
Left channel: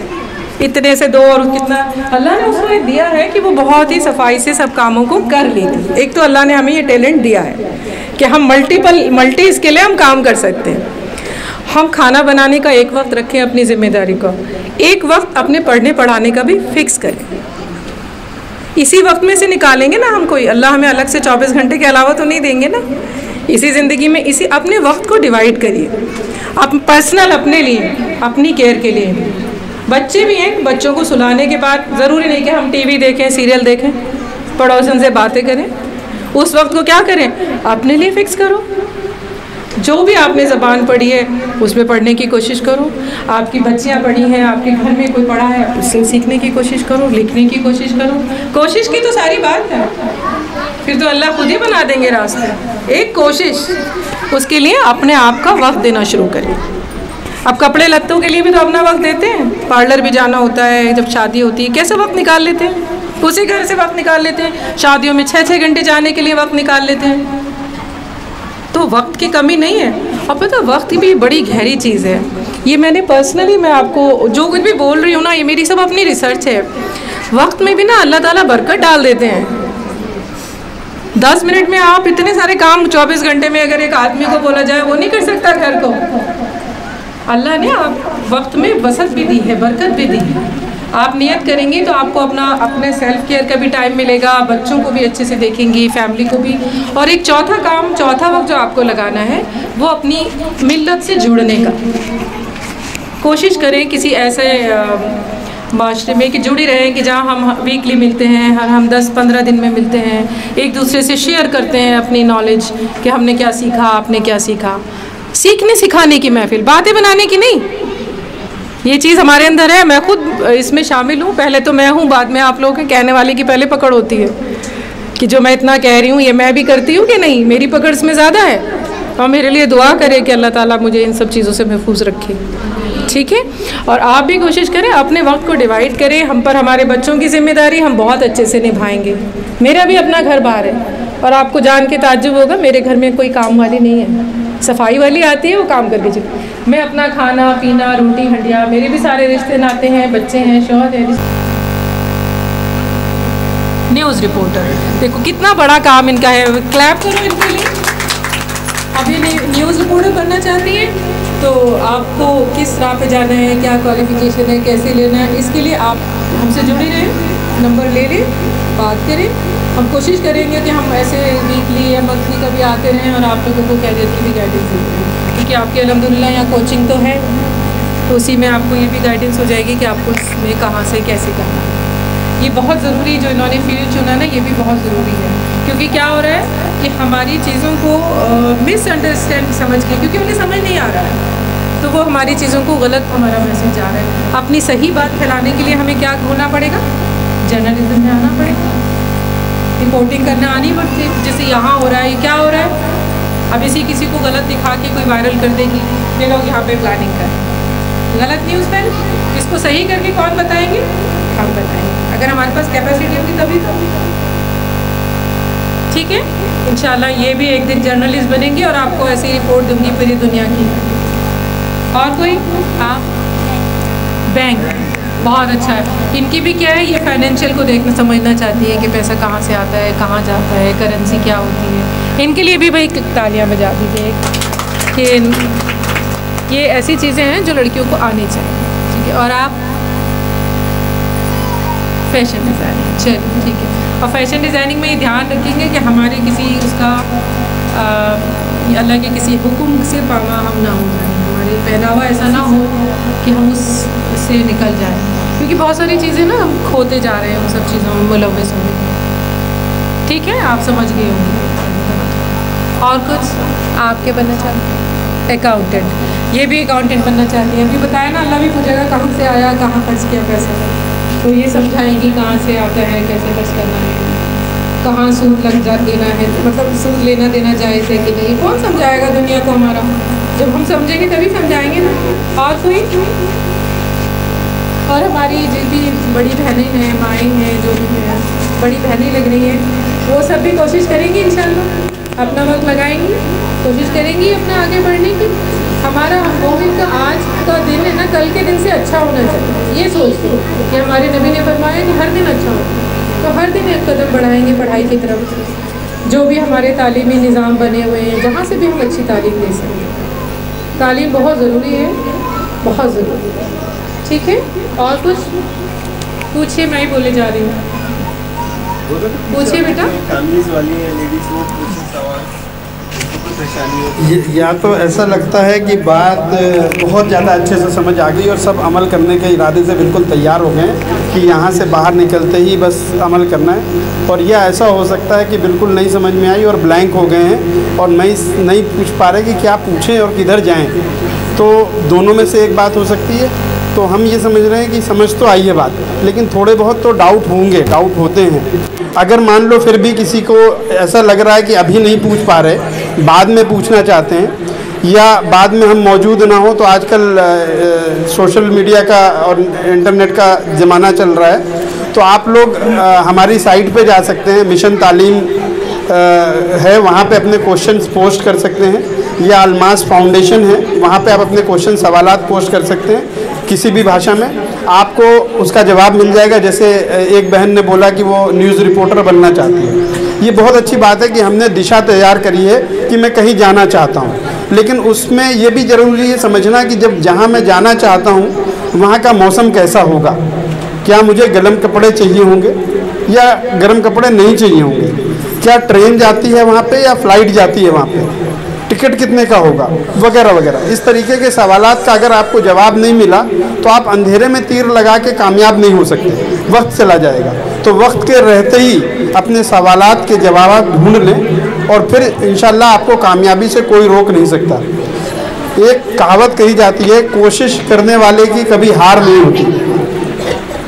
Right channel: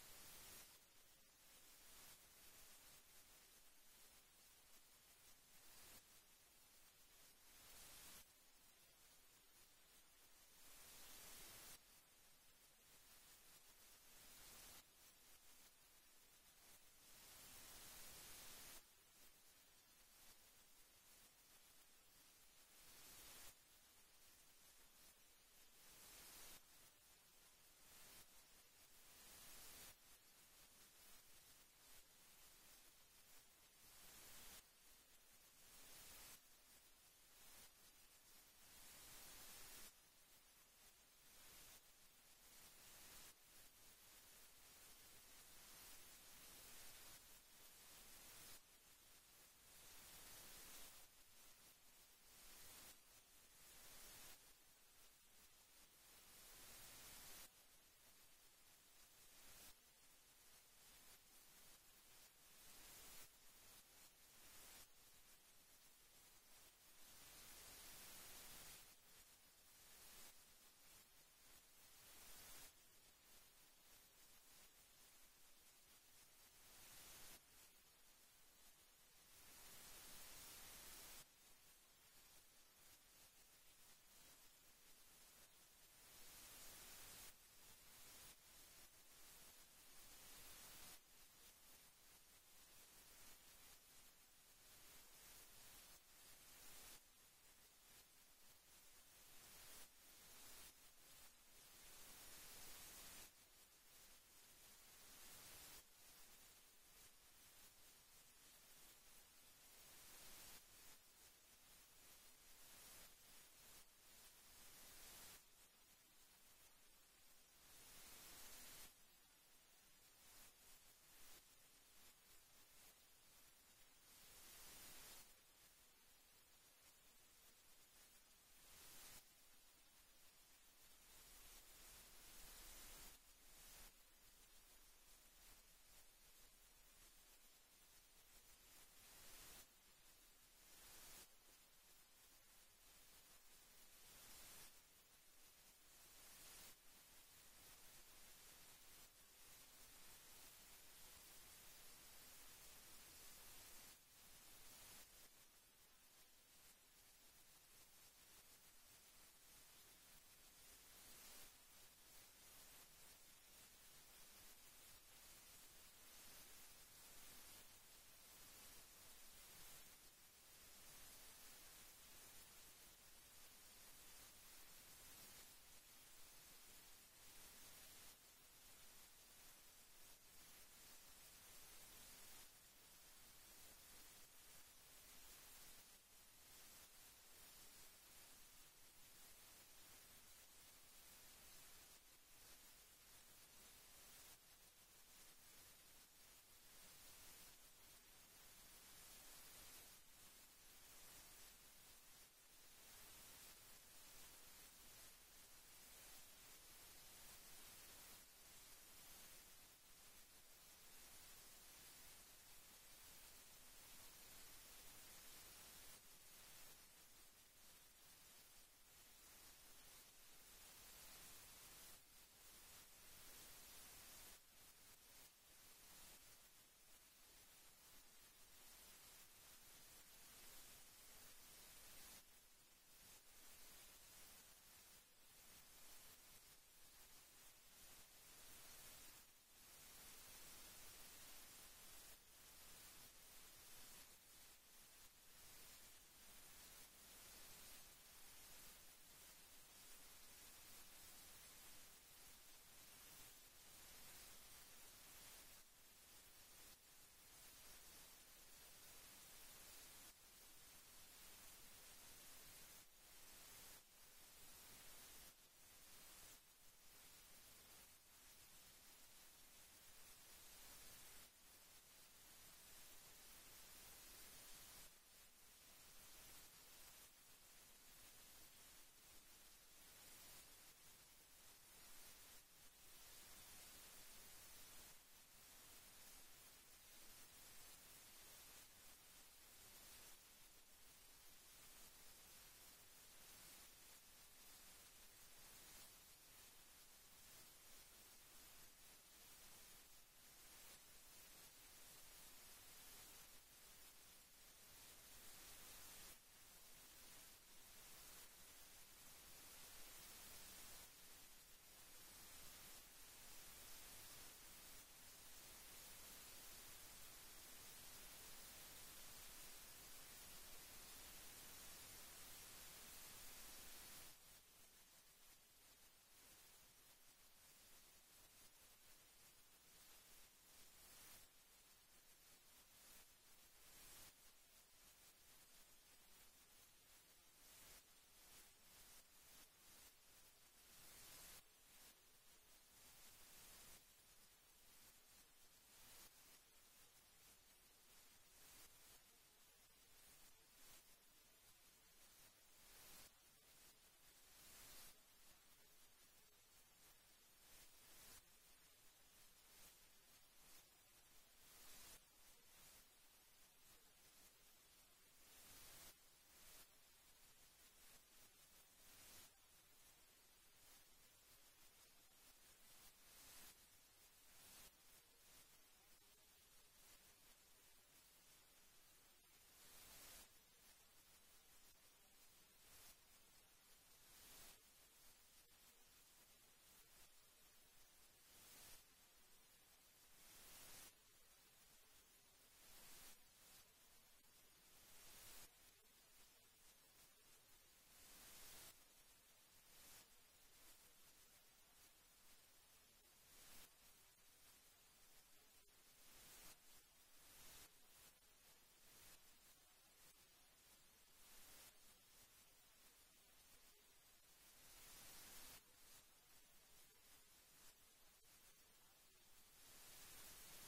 इतने से 2 और कितना अल्लाह ने उसको ये दिया है कि वो बहुत ही सफाई से सब कामों को कर लेती। एक तो अल्लाह ने हमें ये टैलेंट दिया है कि हम मल्टी इसके लिए हम काम कर सकते हैं। हम खाना बनाने का एक वक्त रखें अपनी जिम्मेदारी का, एक वक्त अपने पढ़ने पढ़ाने का भी फिक्स करें। इसी वक्त में से निकालेंगे ना हम, कोई अल्लाह हमें अलग से 24 घंटे के अलावा तो नहीं देंगे ना। इसी ज़िंदगी में इसी अपने वक्त को डिवाइड करिए, आप पर्सनल अपने लिए, अपनी केयर के लिए। बच्चे भी हैं, बच्चों को सुलाने के बाद ज़रूरी नहीं कि हम टीवी देखें, सीरियल देखें, पड़ोसन से बातें करें। उस वक्त को क्या करें, अपने लिए फ़िक्स करो। जो भी आपने ज़बान पढ़ी है उसमें पढ़ने की कोशिश करो। आपकी बच्चियां पढ़ी हैं, आपके घर में कोई पढ़ा है, उससे सीखने की कोशिश करो, लिखने की कोशिश करो। कोशिश की तो सारी बात है, फिर तो अल्लाह खुद ही बना देंगे रास्ते। एक कोशिश, उसके लिए अपने आप का वक्त देना शुरू करें। अब कपड़े लत्तों के लिए भी तो अपना वक्त देते हैं, पार्लर भी जाना होता है, जब शादी होती है कैसे वक्त निकाल लेते हैं, उसी घर से वक्त निकाल लेते हैं। शादियों में 6-6 घंटे जाने के लिए वक्त निकाल लेते हैं। तो वक्त की कमी नहीं है। और पता, वक्त भी बड़ी गहरी चीज़ है। ये मैंने पर्सनली, मैं आपको जो कुछ भी बोल रही हूँ ना, ये मेरी सब अपनी रिसर्च है। वक्त में भी ना अल्लाह ताला बरकत डाल देते हैं। 10 मिनट में आप इतने सारे काम 24 घंटे में अगर एक आदमी को बोला जाए, वो नहीं कर सकता घर को। अल्लाह ने आप वक्त में वसत भी दी है, बरकत भी दी है। आप नियत करेंगी तो आपको अपने सेल्फ केयर का भी टाइम मिलेगा, बच्चों को भी अच्छे से देखेंगी, फैमिली को भी। और एक चौथा वक्त जो आपको लगाना है वो अपनी मिल्लत से जुड़ने का। कोशिश करें किसी ऐसे माशरे में कि जुड़ी रहें कि जहाँ हम वीकली मिलते हैं, हम 10-15 दिन में मिलते हैं, एक दूसरे से शेयर करते हैं अपनी नॉलेज कि हमने क्या सीखा, आपने क्या सीखा। सीखने सिखाने की महफिल, बातें बनाने की नहीं। ये चीज़ हमारे अंदर है, मैं खुद इसमें शामिल हूँ। पहले तो मैं हूँ, बाद में आप लोग हैं। कहने वाले की पहले पकड़ होती है कि जो मैं इतना कह रही हूँ ये मैं भी करती हूँ कि नहीं, मेरी पकड़ इसमें ज़्यादा है। और मेरे लिए दुआ करें कि अल्लाह ताला मुझे इन सब चीज़ों से महफूज रखे, ठीक है। और आप भी कोशिश करें, अपने वक्त को डिवाइड करें। हम पर हमारे बच्चों की जिम्मेदारी हम बहुत अच्छे से निभाएंगे। मेरा भी अपना घर बाहर है और आपको जान के ताज्जुब होगा, मेरे घर में कोई काम वाली नहीं है, सफाई वाली आती है, वो काम करके चली। मैं अपना खाना पीना, रोटी हंडिया, मेरे भी सारे रिश्ते नाते हैं, बच्चे हैं, शौहर है। न्यूज़ रिपोर्टर, देखो कितना बड़ा काम इनका है, क्लैप करो इनके लिए। अब ये न्यूज़ रिपोर्टर बनना चाहती है। तो आपको किस राह पे जाना है, क्या क्वालिफिकेशन है, कैसे लेना है, इसके लिए आप हमसे जुड़े रहें, नंबर ले लें, बात करें। हम कोशिश करेंगे कि हम ऐसे वीकली या मंथली कभी आते रहें और आप लोगों को कैरियर की भी गाइडेंस देते रहें, क्योंकि आपके अल्हम्दुलिल्लाह यहाँ कोचिंग तो है, तो उसी में आपको ये भी गाइडेंस हो जाएगी कि आपको इसमें कहाँ से कैसे करना है। ये बहुत ज़रूरी, जो इन्होंने फील्ड चुना ना, ये भी बहुत ज़रूरी है, क्योंकि क्या हो रहा है कि हमारी चीज़ों को मिसअंडरस्टैंड समझ के, क्योंकि उन्हें समझ नहीं आ रहा है, तो वो हमारी चीज़ों को गलत हमारा मैसेज आ रहा है। अपनी सही बात फैलाने के लिए हमें क्या होना पड़ेगा, जर्नलिज्म में आना पड़ेगा, रिपोर्टिंग करना आनी पड़ती है। जैसे यहाँ हो रहा है, क्या हो रहा है, अब इसी किसी को गलत दिखा के कोई वायरल कर देगी, ये लोग यहाँ पे प्लानिंग कर, गलत न्यूज़ फैल, इसको सही करके कौन बताएंगे, हम बताएंगे, अगर हमारे पास कैपेसिटी होगी तभी तो। ठीक है, इंशाल्लाह ये भी एक दिन जर्नलिस्ट बनेंगे और आपको ऐसी रिपोर्ट दूंगी पूरी दुनिया की। और कोई आप बैंक, बहुत अच्छा है, इनकी भी क्या है, ये फाइनेंशियल को देखना समझना चाहती है कि पैसा कहाँ से आता है, कहाँ जाता है, करेंसी क्या होती है, इनके लिए भी भाई तालियां बजा दीजिए कि ये ऐसी चीज़ें हैं जो लड़कियों को आनी चाहिए। ठीक है, और आप फैशन डिज़ाइनिंग, चलिए ठीक है, और फैशन डिज़ाइनिंग में ये ध्यान रखेंगे कि हमारे किसी उसका अल्लाह के किसी हुक्म से पामा हम ना हो जाए, हमारे पहनावा ऐसा ना हो कि हम उससे निकल जाएं, क्योंकि बहुत सारी चीज़ें ना हम खोते जा रहे हैं उन सब चीज़ों में मुलव्वस होने। ठीक है, आप समझ गए होंगे। और कुछ आपके बनना चाहते हैं, अकाउंटेंट, ये भी अकाउंटेंट बनना चाहती है। अभी बताया ना, अल्लाह भी पूछेगा कहाँ से आया, कहाँ खर्च किया पैसा, तो ये समझाएंगी कहाँ से आता है, कैसे खर्च करना है, कहाँ सूद लग जा देना है, मतलब सूद लेना देना जायज़ है कि नहीं, कौन समझाएगा दुनिया को हमारा, जब हम समझेंगे तभी समझाएंगे ना। और कोई, और हमारी जो भी बड़ी बहनें हैं, माएँ हैं, जो भी हैं बड़ी बहनें लग रही हैं, वो सब भी कोशिश करेंगी इंशाल्लाह, अपना वक्त लगाएंगी, कोशिश करेंगी अपना आगे बढ़ने की। हमारा मोमिन का आज का दिन है ना, कल के दिन से अच्छा होना चाहिए, ये सोचते कि हमारे नबी ने फरमाया कि हर दिन अच्छा हो, तो हर दिन एक कदम बढ़ाएंगे पढ़ाई की तरफ। जो भी हमारे तालीमी निज़ाम बने हुए हैं, जहाँ से भी हम अच्छी तालीम ले सकते हैं, तालीम बहुत ज़रूरी है, बहुत ज़रूरी है। ठीक है, और कुछ पूछिए, मैं ही बोले जा रही हूँ, पूछिए बेटा। या तो ऐसा लगता है कि बात बहुत ज़्यादा अच्छे से समझ आ गई और सब अमल करने के इरादे से बिल्कुल तैयार हो गए कि यहाँ से बाहर निकलते ही बस अमल करना है, और यह ऐसा हो सकता है कि बिल्कुल नहीं समझ में आई और ब्लैंक हो गए हैं और नहीं पूछ पा रहे कि क्या पूछें और किधर जाएं। तो दोनों में से एक बात हो सकती है। तो हम ये समझ रहे हैं कि समझ तो आई है बात, लेकिन थोड़े बहुत तो डाउट होंगे, डाउट होते हैं। अगर मान लो फिर भी किसी को ऐसा लग रहा है कि अभी नहीं पूछ पा रहे, बाद में पूछना चाहते हैं, या बाद में हम मौजूद ना हो, तो आजकल सोशल मीडिया का और इंटरनेट का ज़माना चल रहा है, तो आप लोग हमारी साइट पे जा सकते हैं, मिशन तालीम है, वहाँ पे अपने क्वेश्चंस पोस्ट कर सकते हैं, या अलमास फाउंडेशन है, वहाँ पे आप अपने क्वेश्चन सवालात पोस्ट कर सकते हैं किसी भी भाषा में, आपको उसका जवाब मिल जाएगा। जैसे एक बहन ने बोला कि वो न्यूज़ रिपोर्टर बनना चाहती है, ये बहुत अच्छी बात है कि हमने दिशा तैयार करी है कि मैं कहीं जाना चाहता हूँ, लेकिन उसमें ये भी ज़रूरी है समझना कि जब जहाँ मैं जाना चाहता हूँ वहाँ का मौसम कैसा होगा, क्या मुझे गर्म कपड़े चाहिए होंगे या गर्म कपड़े नहीं चाहिए होंगे, क्या ट्रेन जाती है वहाँ पे या फ़्लाइट जाती है वहाँ पे, टिकट कितने का होगा, वगैरह वगैरह। इस तरीके के सवालात का अगर आपको जवाब नहीं मिला तो आप अंधेरे में तीर लगा के कामयाब नहीं हो सकते, वक्त चला जाएगा। तो वक्त के रहते ही अपने सवालात के जवाब ढूंढ लें और फिर इंशाल्लाह आपको कामयाबी से कोई रोक नहीं सकता। एक कहावत कही जाती है, कोशिश करने वाले की कभी हार नहीं होती।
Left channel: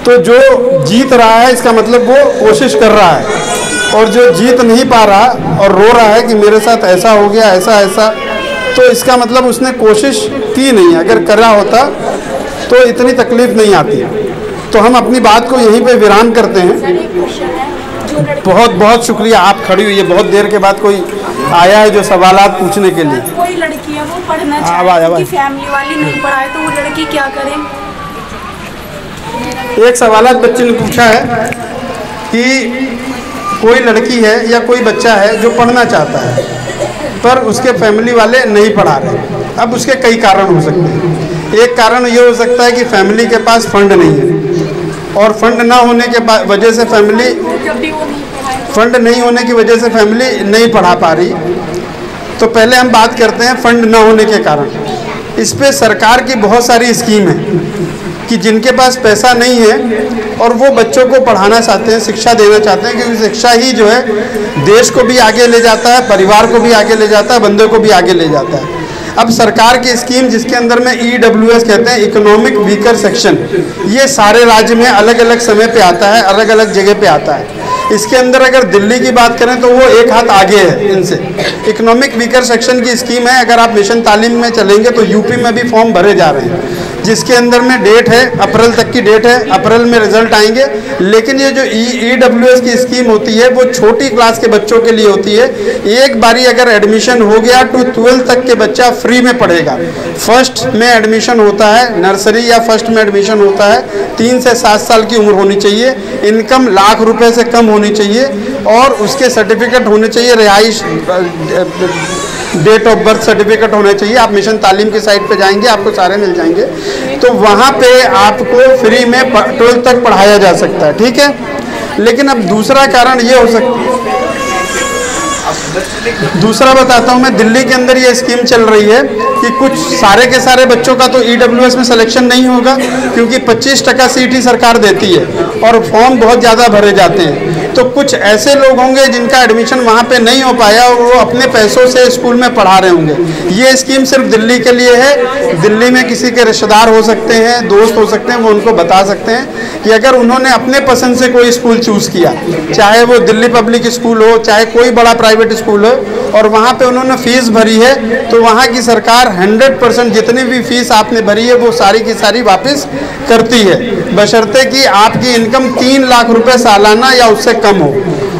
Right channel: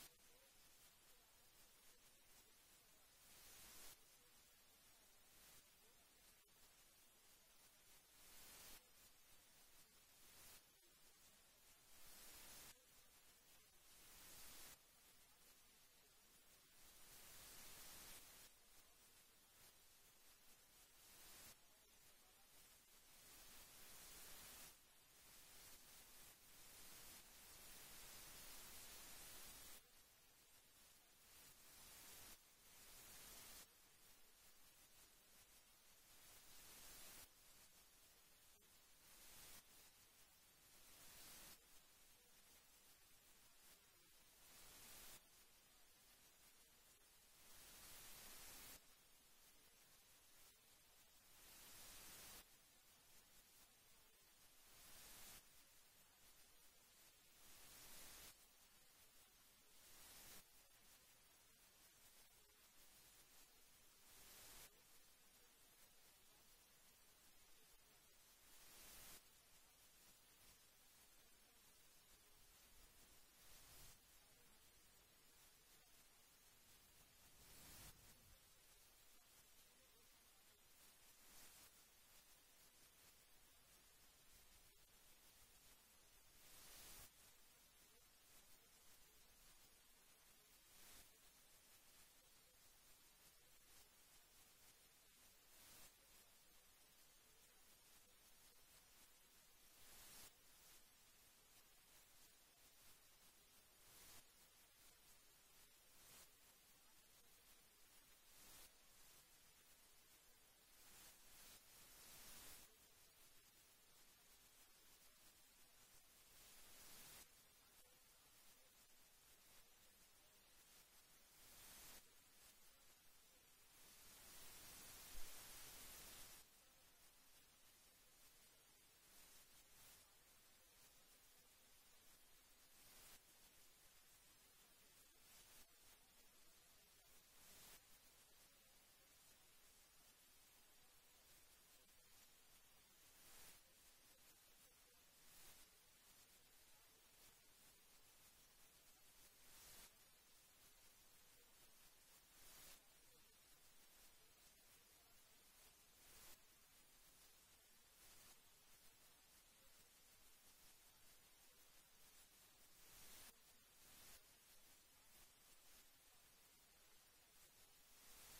तो जो जीत रहा है इसका मतलब वो कोशिश कर रहा है, और जो जीत नहीं पा रहा और रो रहा है कि मेरे साथ ऐसा हो गया, ऐसा ऐसा, तो इसका मतलब उसने कोशिश की नहीं। अगर करा होता तो इतनी तकलीफ नहीं आती। तो हम अपनी बात को यहीं पे विराम करते हैं। बहुत बहुत शुक्रिया, आप खड़ी हुई है, बहुत देर के बाद कोई आया है जो सवालात पूछने के लिए। कोई लड़की है वो पढ़ना चाहती है, फैमिली वाली नहीं पढ़ाए तो वो लड़की क्या करे? एक सवालात बच्चे ने पूछा है कि कोई लड़की है या कोई बच्चा है जो पढ़ना चाहता है, पर उसके फैमिली वाले नहीं पढ़ा रहे। अब उसके कई कारण हो सकते हैं। एक कारण ये हो सकता है कि फैमिली के पास फंड नहीं है, और फंड ना होने के वजह से फैमिली नहीं पढ़ा पा रही। तो पहले हम बात करते हैं फंड ना होने के कारण। इस पे सरकार की बहुत सारी स्कीम है कि जिनके पास पैसा नहीं है और वो बच्चों को पढ़ाना चाहते हैं, शिक्षा देना चाहते हैं, क्योंकि शिक्षा ही जो है देश को भी आगे ले जाता है, परिवार को भी आगे ले जाता है, बंदे को भी आगे ले जाता है। अब सरकार की स्कीम जिसके अंदर में EWS कहते हैं, इकोनॉमिक वीकर सेक्शन, ये सारे राज्य में अलग अलग समय पे आता है, अलग अलग जगह पे आता है। इसके अंदर अगर दिल्ली की बात करें तो वो एक हाथ आगे है इनसे। इकोनॉमिक वीकर सेक्शन की स्कीम है, अगर आप मिशन तालीम में चलेंगे तो यूपी में भी फॉर्म भरे जा रहे हैं, जिसके अंदर में डेट है, अप्रैल तक की डेट है, अप्रैल में रिजल्ट आएंगे। लेकिन ये जो EWS की स्कीम होती है वो छोटी क्लास के बच्चों के लिए होती है। एक बारी अगर एडमिशन हो गया तो 12th तक के बच्चा फ्री में पढ़ेगा। फर्स्ट में एडमिशन होता है, नर्सरी या फर्स्ट में एडमिशन होता है, 3 से 7 साल की उम्र होनी चाहिए, इनकम लाख रुपए से कम होनी चाहिए, और उसके सर्टिफिकेट होने चाहिए, रिहाइश डेट ऑफ बर्थ सर्टिफिकेट होना चाहिए। आप मिशन तालीम की साइट पे जाएंगे, आपको सारे मिल जाएंगे। तो वहाँ पे आपको फ्री में 12th तक पढ़ाया जा सकता है, ठीक है। लेकिन अब दूसरा कारण ये हो सकता है, दूसरा बताता हूँ मैं। दिल्ली के अंदर ये स्कीम चल रही है कि कुछ सारे के सारे बच्चों का तो EWS में सिलेक्शन नहीं होगा, क्योंकि 25% सीट ही सरकार देती है और फॉर्म बहुत ज़्यादा भरे जाते हैं। तो कुछ ऐसे लोग होंगे जिनका एडमिशन वहाँ पे नहीं हो पाया और वो अपने पैसों से स्कूल में पढ़ा रहे होंगे। ये स्कीम सिर्फ दिल्ली के लिए है। दिल्ली में किसी के रिश्तेदार हो सकते हैं, दोस्त हो सकते हैं, वो उनको बता सकते हैं कि अगर उन्होंने अपने पसंद से कोई स्कूल चूज़ किया, चाहे वो दिल्ली पब्लिक स्कूल हो, चाहे कोई बड़ा प्राइवेट स्कूल हो, और वहाँ पे उन्होंने फीस भरी है, तो वहाँ की सरकार 100% जितनी भी फीस आपने भरी है वो सारी की सारी वापस करती है, बशर्ते कि आपकी इनकम 3 लाख रुपए सालाना या उससे कम हो,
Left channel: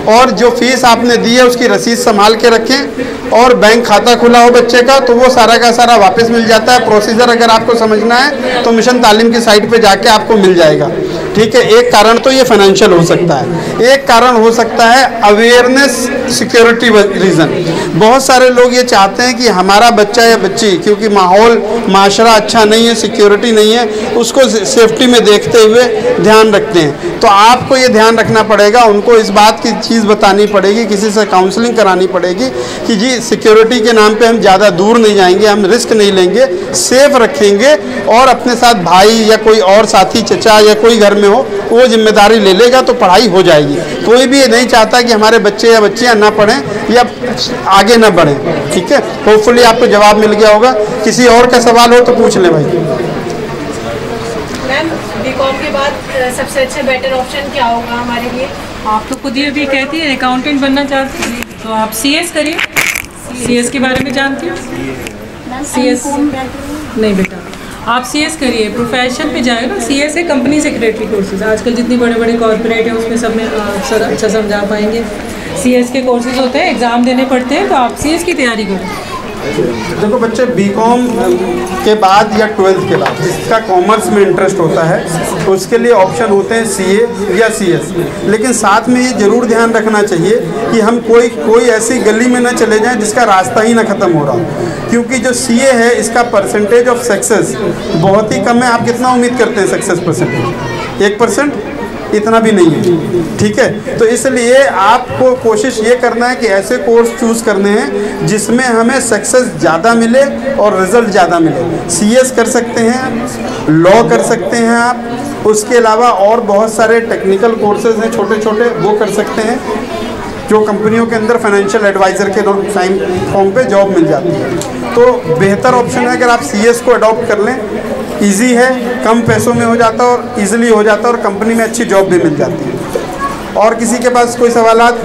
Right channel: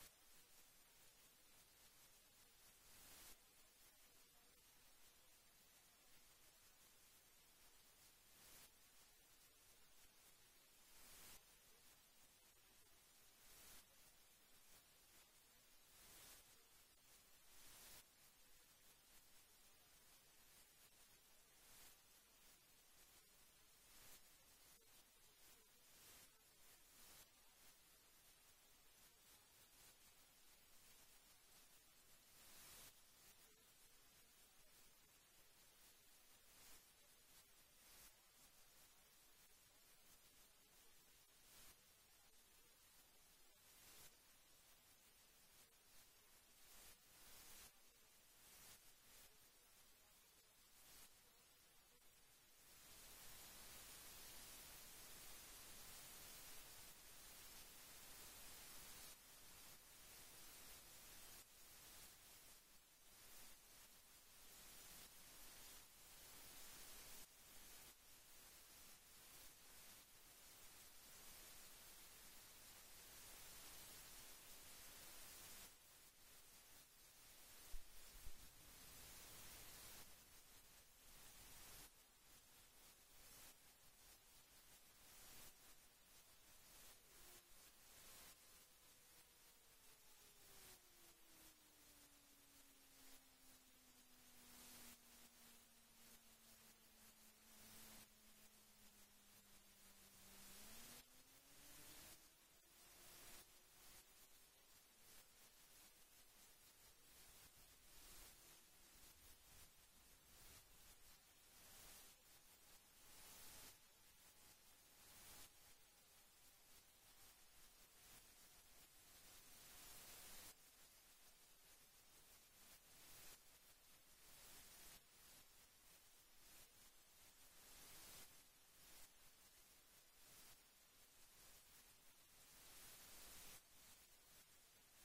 और जो फीस आपने दी है उसकी रसीद संभाल के रखें, और बैंक खाता खुला हो बच्चे का, तो वो सारा का सारा वापस मिल जाता है। प्रोसीजर अगर आपको समझना है तो मिशन तालीम की साइट पे जाके आपको मिल जाएगा, ठीक है। एक कारण तो ये फाइनेंशियल हो सकता है। एक कारण हो सकता है अवेयरनेस सिक्योरिटी रीज़न। बहुत सारे लोग ये चाहते हैं कि हमारा बच्चा या बच्ची, क्योंकि माहौल माशरा अच्छा नहीं है, सिक्योरिटी नहीं है, उसको सेफ्टी में देखते हुए ध्यान रखते हैं। तो आपको ये ध्यान रखना पड़ेगा, उनको इस बात की चीज़ बतानी पड़ेगी, किसी से काउंसलिंग करानी पड़ेगी कि जी सिक्योरिटी के नाम पे हम ज़्यादा दूर नहीं जाएंगे, हम रिस्क नहीं लेंगे, सेफ रखेंगे, और अपने साथ भाई या कोई और साथी, चचा या कोई घर में हो, वो जिम्मेदारी ले लेगा तो पढ़ाई हो जाएगी। कोई भी ये नहीं चाहता कि हमारे बच्चे या बच्चियाँ ना पढ़ें या आगे ना बढ़ें, ठीक है। होपफुली आपको जवाब मिल गया होगा। किसी और का सवाल हो तो पूछ लें भाई। मैम, बीकॉम के बाद सबसे अच्छा बेटर ऑप्शन क्या होगा हमारे लिए? आप तो खुद ये भी कहती है अकाउंटेंट बनना चाहती है, तो आप CS करिए। CS के बारे में जानती हो? CS नहीं बेटा, आप CS करिए, प्रोफेशन पे जाएगा। CS है कंपनी सेक्रेटरी कोर्सेज, आजकल जितनी बड़े बड़े कॉर्पोरेट है उसमें सब में सर अच्छा समझा पाएंगे। CS के कोर्सेज होते हैं, एग्ज़ाम देने पड़ते हैं, तो आप CS की तैयारी करें। देखो बच्चे, बीकॉम के बाद या 12th के बाद जिसका कॉमर्स में इंटरेस्ट होता है तो उसके लिए ऑप्शन होते हैं CA या CS। लेकिन साथ में ये ज़रूर ध्यान रखना चाहिए कि हम कोई ऐसी गली में ना चले जाएं जिसका रास्ता ही ना ख़त्म हो रहा हो, क्योंकि जो CA है इसका परसेंटेज ऑफ सक्सेस बहुत ही कम है। आप कितना उम्मीद करते हैं सक्सेस परसेंटेज? 1%? इतना भी नहीं है, ठीक है। तो इसलिए आपको कोशिश ये करना है कि ऐसे कोर्स चूज़ करने हैं जिसमें हमें सक्सेस ज़्यादा मिले और रिज़ल्ट ज़्यादा मिले। CS कर सकते हैं, लॉ कर सकते हैं आप, उसके अलावा और बहुत सारे टेक्निकल कोर्सेज हैं छोटे छोटे, वो कर सकते हैं, जो कंपनियों के अंदर फाइनेंशियल एडवाइज़र के टाइम फॉर्म पे जॉब मिल जाती है। तो बेहतर ऑप्शन है अगर आप CS को अडॉप्ट कर लें। इजी है, कम पैसों में हो जाता है और इजीली हो जाता है, और कंपनी में अच्छी जॉब भी मिल जाती है। और किसी के पास कोई सवालात?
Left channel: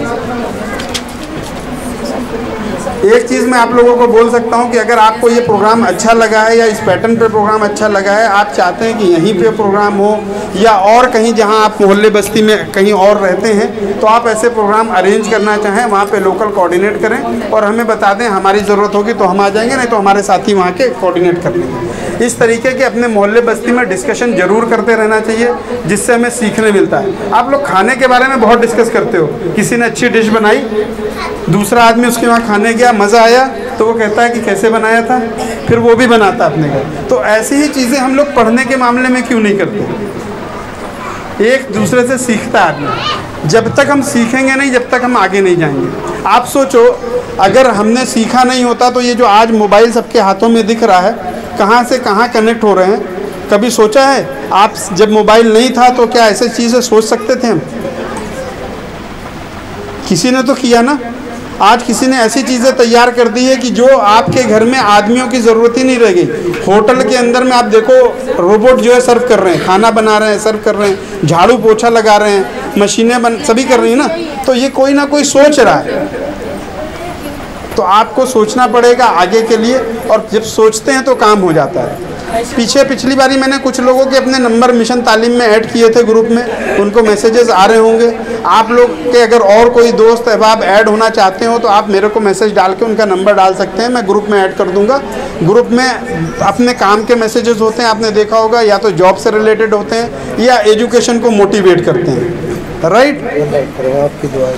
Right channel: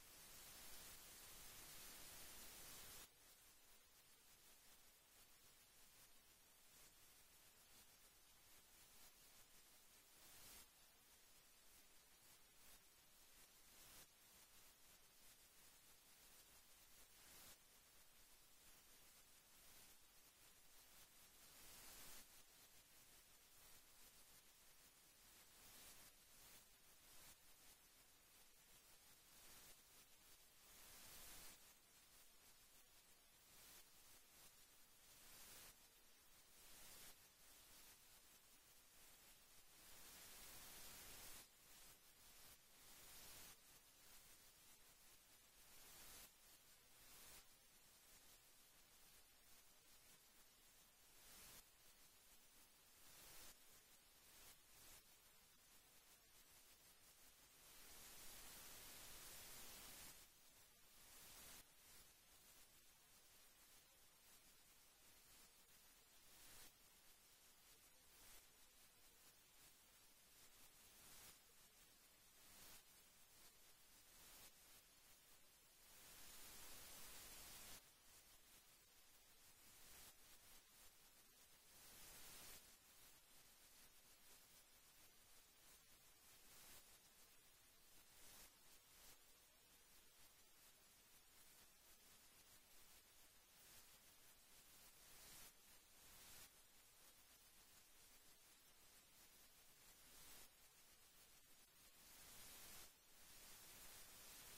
एक चीज़ मैं आप लोगों को बोल सकता हूं कि अगर आपको ये प्रोग्राम अच्छा लगा है या इस पैटर्न पे प्रोग्राम अच्छा लगा है, आप चाहते हैं कि यहीं पे प्रोग्राम हो या और कहीं जहां आप मोहल्ले बस्ती में कहीं और रहते हैं, तो आप ऐसे प्रोग्राम अरेंज करना चाहें, वहाँ पे लोकल कोऑर्डिनेट करें और हमें बता दें। हमारी ज़रूरत होगी तो हम आ जाएंगे, नहीं तो हमारे साथी वहाँ के कोऑर्डिनेट कर लेंगे। इस तरीके के अपने मोहल्ले बस्ती में डिस्कशन ज़रूर करते रहना चाहिए, जिससे हमें सीखने मिलता है। आप लोग खाने के बारे में बहुत डिस्कस करते हो, किसी ने अच्छी डिश बनाई, दूसरा आदमी उसके वहाँ खाने गया, मज़ा आया तो वो कहता है कि कैसे बनाया था, फिर वो भी बनाता है अपने घर। तो ऐसी ही चीज़ें हम लोग पढ़ने के मामले में क्यों नहीं करते? एक दूसरे से सीखता है आदमी। जब तक हम सीखेंगे नहीं, जब तक हम आगे नहीं जाएंगे। आप सोचो, अगर हमने सीखा नहीं होता तो ये जो आज मोबाइल सबके हाथों में दिख रहा है, कहाँ से कहाँ कनेक्ट हो रहे हैं, कभी सोचा है? आप जब मोबाइल नहीं था तो क्या ऐसी चीज़ें सोच सकते थे हम? किसी ने तो किया ना। आज किसी ने ऐसी चीज़ें तैयार कर दी है कि जो आपके घर में आदमियों की ज़रूरत ही नहीं रह गई। होटल के अंदर में आप देखो, रोबोट जो है सर्व कर रहे हैं, खाना बना रहे हैं, सर्व कर रहे हैं, झाड़ू पोछा लगा रहे हैं, मशीनें सभी कर रही हैं ना। तो ये कोई ना कोई सोच रहा है। तो आपको सोचना पड़ेगा आगे के लिए, और जब सोचते हैं तो काम हो जाता है। पिछली बारी मैंने कुछ लोगों के अपने नंबर मिशन तालीम में ऐड किए थे ग्रुप में, उनको मैसेजेस आ रहे होंगे। आप लोग के अगर और कोई दोस्त अहबाब ऐड होना चाहते हो तो आप मेरे को मैसेज डाल के उनका नंबर डाल सकते हैं, मैं ग्रुप में ऐड कर दूंगा। ग्रुप में अपने काम के मैसेजेस होते हैं, आपने देखा होगा, या तो जॉब से रिलेटेड होते हैं या एजुकेशन को मोटिवेट करते हैं। राइट? आपकी दुआ।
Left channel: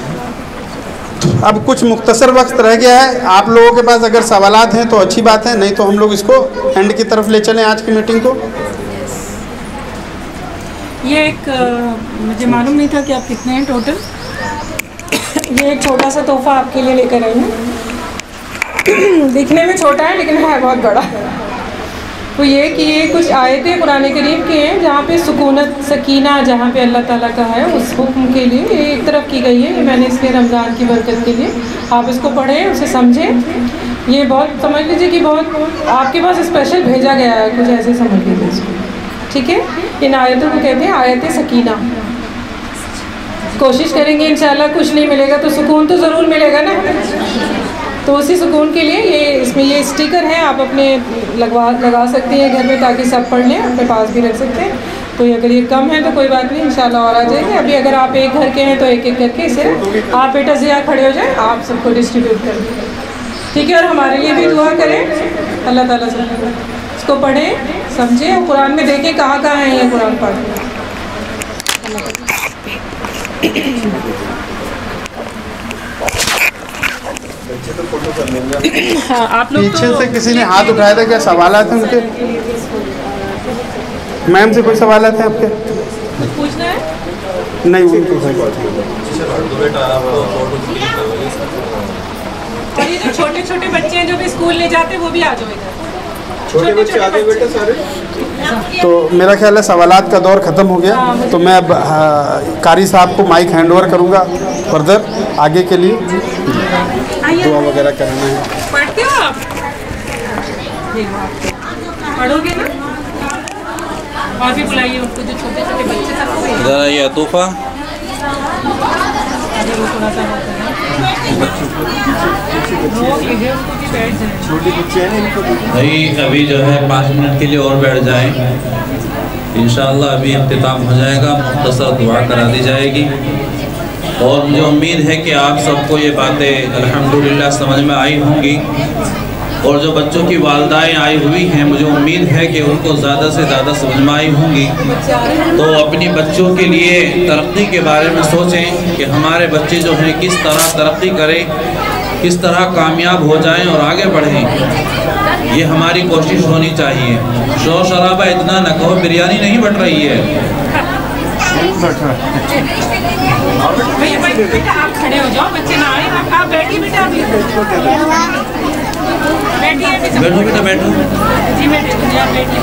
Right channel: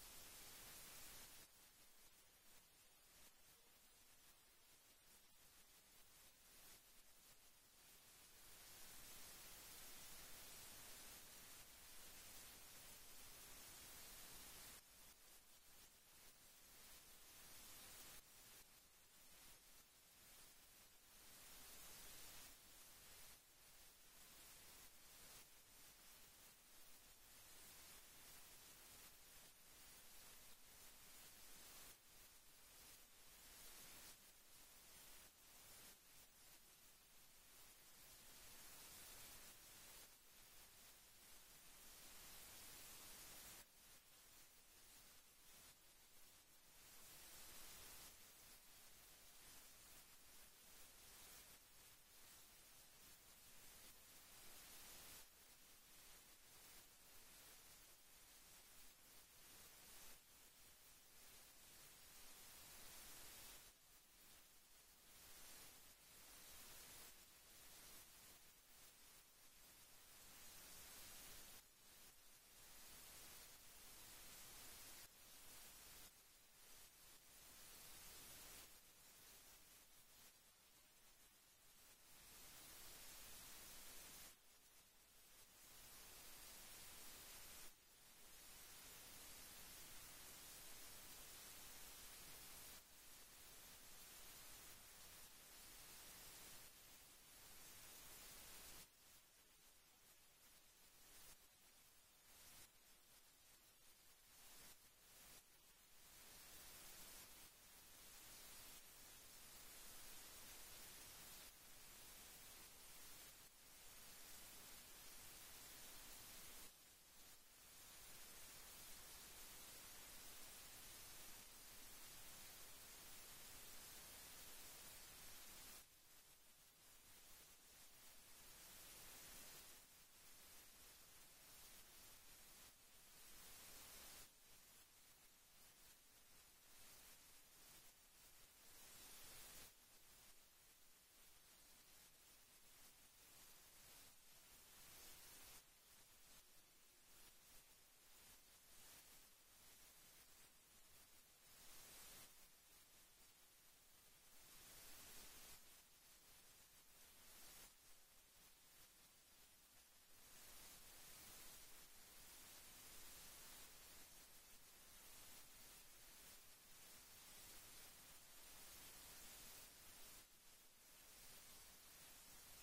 अब कुछ मुख्तसर वक्त रह गया है, आप लोगों के पास अगर सवालात हैं तो अच्छी बात है, नहीं तो हम लोग इसको एंड की तरफ ले चलें आज की मीटिंग को। ये एक मुझे मालूम नहीं था कि आप कितने हैं टोटल। ये एक छोटा सा तोहफा आपके लिए लेकर आई हूँ। दिखने में छोटा है लेकिन है बहुत बड़ा। तो ये कि ये कुछ आयतें कुरान करीम की हैं जहाँ पे सुकूनत सकीना जहाँ पे अल्लाह ताला का है, उस हुक्म के लिए ये एक तरफ की गई है। ये मैंने इसलिए रमज़ान की बरकत के लिए आप इसको पढ़ें, उसे समझें। ये बहुत समझ लीजिए कि बहुत आपके पास स्पेशल भेजा गया है, कुछ ऐसे समझ लीजिए इसको। ठीक है? इन आयतों को कहते हैं आयत सकीना। कोशिश करेंगे इंशाल्लाह, कुछ नहीं मिलेगा तो सुकून तो ज़रूर मिलेगा ना। तो उसी सुकून के लिए ये इसमें ये स्टिकर है, आप अपने लगा सकते हैं घर में, ताकि सब पढ़ लें, अपने पास भी रख सकते हैं। तो अगर ये कम है तो कोई बात नहीं, इंशाल्लाह और आ जाएंगे। अभी अगर आप एक घर के हैं तो एक एक करके इसे आप बेटा ज़िया खड़े हो जाए, आप सबको डिस्ट्रीब्यूट कर दें। ठीक है? और हमारे लिए भी दुआ करें अल्लाह ताला से। इसको पढ़ें, समझें, और कुरान में देखें कहाँ कहाँ है ये कुरान पढ़। हाँ, आप लोग पीछे से किसी ने हाथ उठाया था, क्या सवाल आते हैं उनके? मैम से कोई सवाल आते हैं आपके? पूछना है? नहीं, उनको और ये जो छोटे छोटे बच्चे हैं जो भी स्कूल ले जाते हैं वो भी आ जाओ इधर। छोटे बच्चे आगे बेटे सारे। तो मेरा ख्याल है सवालात का दौर ख़त्म हो गया। तो मैं अब कारी साहब को माइक हैंड ओवर करूँगा फर्दर आगे के लिए। दुआ वगैरह करना है। पढ़ते हो आप? पढ़ोगे ना? और भी बुलाइए उनको जो छोटे छोटे बच्चे सबको। ज़रा ये तोहफा थोड़ा सा छोटे बच्चे हैं इनको भाई, अभी जो है 5 मिनट के लिए और बैठ जाएं। इंशाअल्लाह अभी इख्तिताम हो जाएगा, मुख्तसर दुआ करा दी जाएगी। और मुझे उम्मीद है कि आप सबको ये बातें अल्हम्दुलिल्लाह समझ में आई होंगी। और जो बच्चों की वालदाएँ आई हुई हैं, मुझे उम्मीद है कि उनको ज़्यादा से ज़्यादा समझ में आई होंगी। तो अपनी बच्चों के लिए तरक्की के बारे में सोचें कि हमारे बच्चे जो हैं किस तरह तरक्की करें, किस तरह कामयाब हो जाएं और आगे बढ़ें। ये हमारी कोशिश होनी चाहिए। शोर शराबा इतना न कहो, बिरयानी नहीं बट रही है। बेटा आप खड़े हो जाओ, बच्चे ना आए। आप बैठिए बेटा, बैठिए बैठो बेटा, बैठो जी, मैं बैठिए।